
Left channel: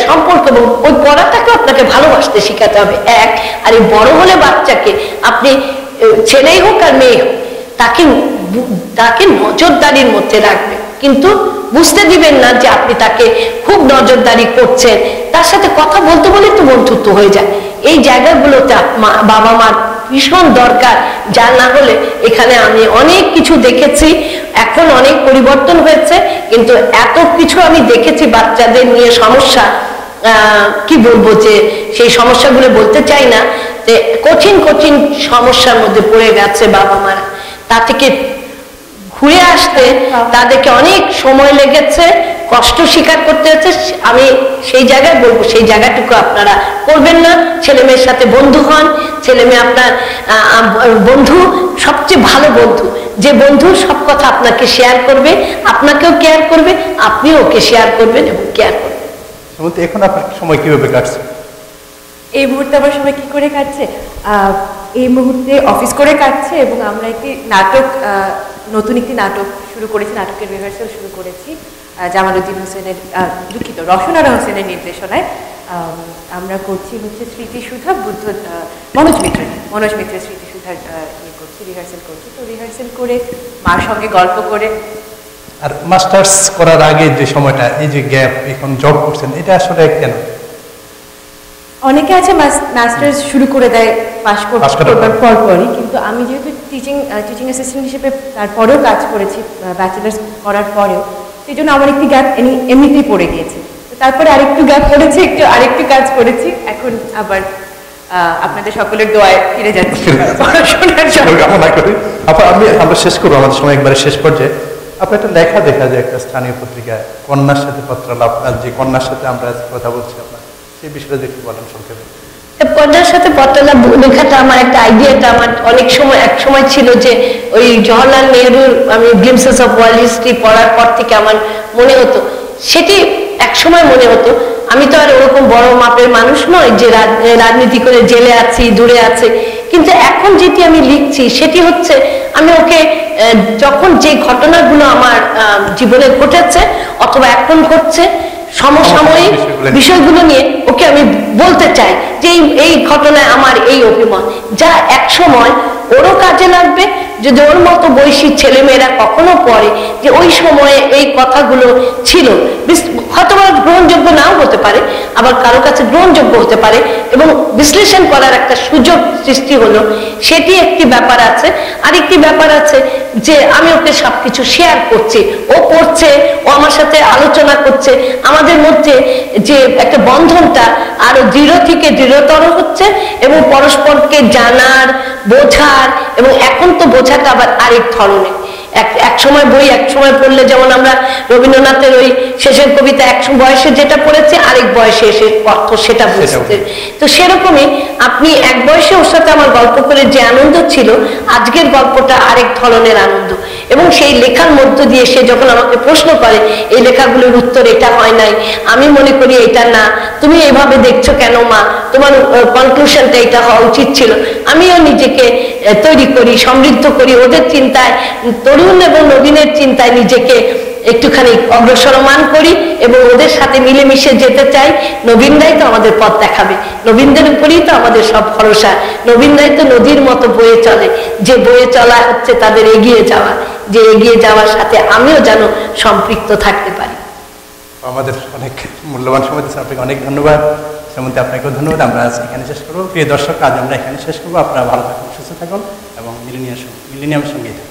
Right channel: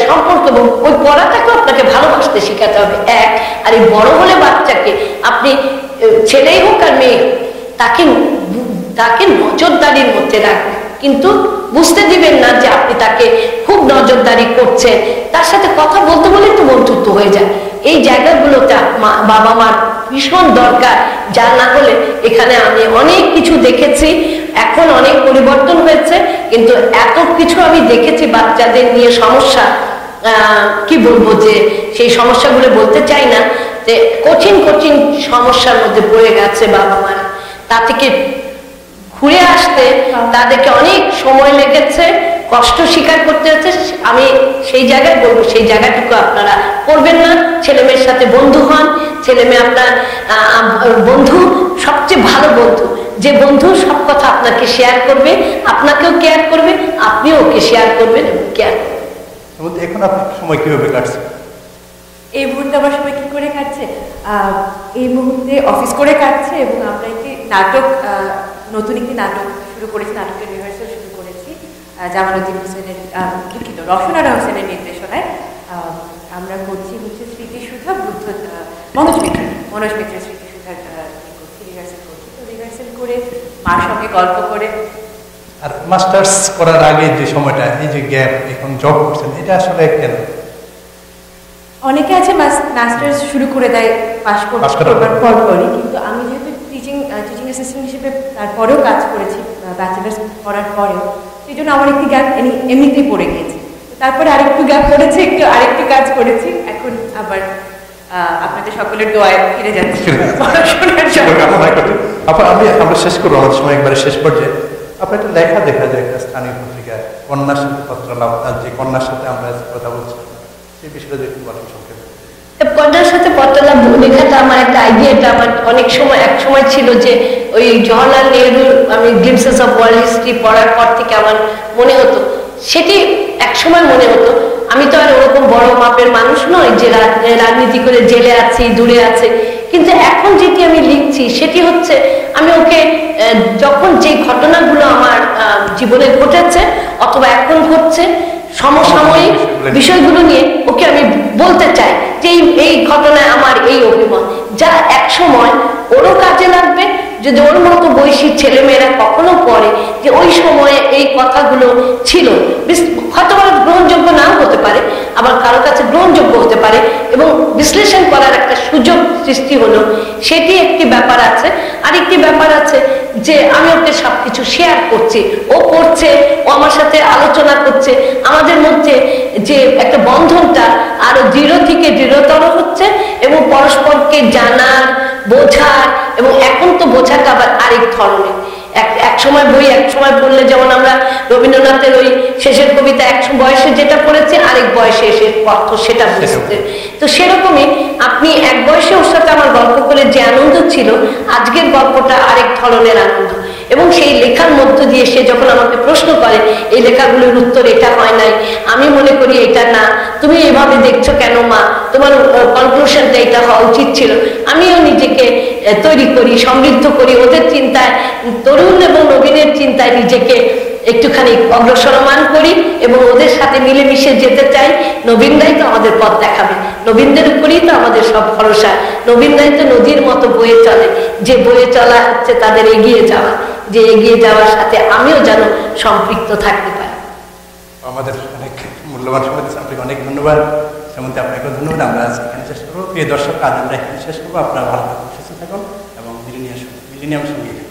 সম্পর্ক, এবং ওই পড়াটাকেও আপনাকে ভালোবাসতে শিখাতে হবে এক। আর এই বড় হলে বাচ্চাকে আপনি ছেলেই হোক আর মেয়ে হোক, তাকে নজরদারির মধ্যে রাখবে, কিন্তু বুঝতে দিবেন না যে আপনি তাকে খুব নজরদারি করছেন। তার সাথে কথা বলতে বলেই তো বন্ধুত্ব হয়ে যায়। এই জায়গাগুলোতে বাবা মার ভীষণ দরকার, যা না হলে এখানে আমি অনেক কিছু দেখেছি, এখন অনেক পরিবর্তন হয়েছে, কিন্তু এত কিছু আমি দেখেছি বাচ্চাদের নিয়ে সমস্যা, কি বলবো, যে সেই সমস্যাগুলো বলতে চাই না, যে কঠিন কঠিন সমস্যার মধ্যে পড়ে গেছে বাবা মারা। তা থেকে ঘুরে আসতে তাদেরকে অনেক সময় লেগেছে, কষ্ট স্বীকার করতে হচ্ছে। আমি সেই জায়গায় বলবো, সেই জায়গাটুকু আপনারা করবেন না। ছেলে মেয়ের সাথে বন্ধু হন, ছেলে মেয়ে আপনার বন্ধু সবচেয়ে ভালো বন্ধু, যে বন্ধু সব কথা আপনাকে শেয়ার করবে, আপনাকেও কেয়ার করবে, আপনিও ওকে শেয়ার করবেন এবং কেয়ার করবেন। এখন আপনার সময় কিভাবে কাটছে? এই মুহূর্তে আমার সময় কি করে কাটছে? এই মুহূর্তে অফিস করে কাটছে, এবং আমরা একটি নাটক, নতুন একটি নাটক শুরু করেছি, নাটকের রিহার্সাল শুরু করেছি জামালউদ্দিন হোসেনের, দুঃখিত, রওশনারা হোসেনের নির্দেশনায়। আমরা করছি হচ্ছে স্মৃতিসুধা বুদ্ধ, মনোজ মিত্রের স্মৃতিসুধার ইয়ে করছি, রিহার্সাল করছি। তো রিহার্সাল করে মার সঙ্গে গল্প করে। আর মাস্টার্স করার আগে যে সময়টা, এই যে গ্যাপ, এখন জব করছেন, এটা আসলে কেন? অনেকে আছে মাস্টার্স শুরু করে দেয় পাশ করবার পরপরই, কিন্তু আমি যেহেতু টিচিং অ্যাসিস্ট্যান্ট হিসেবে তারপরেও কাজ করেছি ব্যাচেলার্স করার পরেও, সেই জন্য আমার একটি গ্যাপ এমনিতেই পড়ে গিয়েছে। তারপরে আরেকটু গ্যাপ পড়েছে, আরেকটু কাজ করেছি, এখন আবার আপনাদের সকলের দোয়ায় ফিরে যাচ্ছি পড়াশোনার জন্য। কামনা করি। আমরা শেষ করবো, আমাদের সময় একবারে শেষ পর্যায়ে। আপনার একটা লেখা দেখা যায় একটা স্থানীয় পত্রিকায়, কন্যার সাথে পত্রালাপ, যে কন্যার সাথে আমরা কথা বলছি, আপনার সেই বিষয়টা একটু বলেন সংক্ষেপে। কন্যার সাথে পত্রালাপ লেখাটা আমার একটা আইডিয়াটা আমার অনেক সময়, এক সময় ছিল যে ওই জওহরলাল নেহরুর আমি গ্লিমসেস অফ ওয়ার্ল্ড হিস্ট্রি পড়ার পর থেকে আমার মনে হতো, সেটি এক সময় মনে হতো, আমি তো আর ওরকম বড় মাপের মানুষ নই যে রাজনীতি করে জেলে আছি, দূরে আছে, কিন্তু এখন যেটি আমি লিখছি সেটি হচ্ছে আমি ওকে যখন যে ঘটনাগুলো আমার জীবনে ঘটেছে অথবা এখন ঘটছে সমসাময়িক বিষয়গুলো নিয়ে ওকে আমি বলতে চাই যে এই ঘটনায় আমার এই অভিমত, যা এক সময় ওরও কাজে লাগবে যদি ওর মতো বয়সী ছেলেমেয়েরা কখনো পড়ে যে ওই সময়ে এই কথাগুলো ছিল, হয়তো গ্রহণযোগ্য নাও হতে পারে, আবার কারো কাছে গ্রহণযোগ্য হতে পারে, এবং বিশ্লেষণ করার একটা সুযোগ সৃষ্টি হলো, সেটি একটি ব্যাপার আছে। আরেকটি ব্যাপার আছে যে আমি ওকে সবকিছু শেয়ার করছি, ও পড়ছে, ও আমার সাথে আলোচনা করছে, আমাদের মধ্যে যে একটা বন্ধনটা আরো দৃঢ় থেকে দৃঢ়তর হচ্ছে, এবং পরস্পরকে জানার, বোঝার, এবং এখন তো বোঝাটা আবার আরেক ধরনের। এক সময় বই এক সময় পড়লে, যেমন আমরা রবীন্দ্রনাথের ওই শেষের কবিতা এক বয়সে যেটা পড়েছি, আরেক বয়সে এসে অর্থ সেটা বুঝতে, তো সেরকমই আপনি এক বয়সে ওর সাথে আমার গল্প করে যে আনন্দ ছিল, আজকের গল্পটা আরেক ধরনের আনন্দ। এবং সেই লেখার মধ্য দিয়ে সে যখন আমাকে প্রশ্ন করে এই লেখাগুলোর উত্তর এটা হয় নাই, আমি মনে করি এটা না, তুমি এভাবে দেখছো কেন মা, তোমার কনক্লুশনটা এটা হওয়া উচিত ছিল, আমিও নিজেকে তৈরি করি, সমৃদ্ধ করি, ওদের চিন্তায়, তরুণ এবং নবীনের চিন্তায় নিজেকে একটুখানি অগ্রসরমান করি এবং ওদের সাথে মিলেমিশে যেতে চাই। নবীনরাই তো আমাদের পথ দেখাবে, নবীনদের উপরেই তো আমাদের সব ভরসা, নবীনরাই তো নদীর মতো বয়ে চলে, যে বয়ে চলা হচ্ছে তাদের এগিয়ে যাওয়া, যে এগিয়ে যাওয়ার সাথে আমিও যেন সম্পৃক্ত থাকতে পারি। আমাদের অনেক মূল্যবান সময় দিচ্ছে, আপনাকে অনেক ধন্যবাদ। সেমন্তে আপনাকেও ধন্যবাদ। আমরা আজ এখানে শেষ করবো। প্রিয় দর্শক, আজ আমরা এখানে শেষ করবো। আপনারা ভালো থাকুন, সুস্থ থাকুন এবং মিলেনিয়ামের সঙ্গেই থাকুন।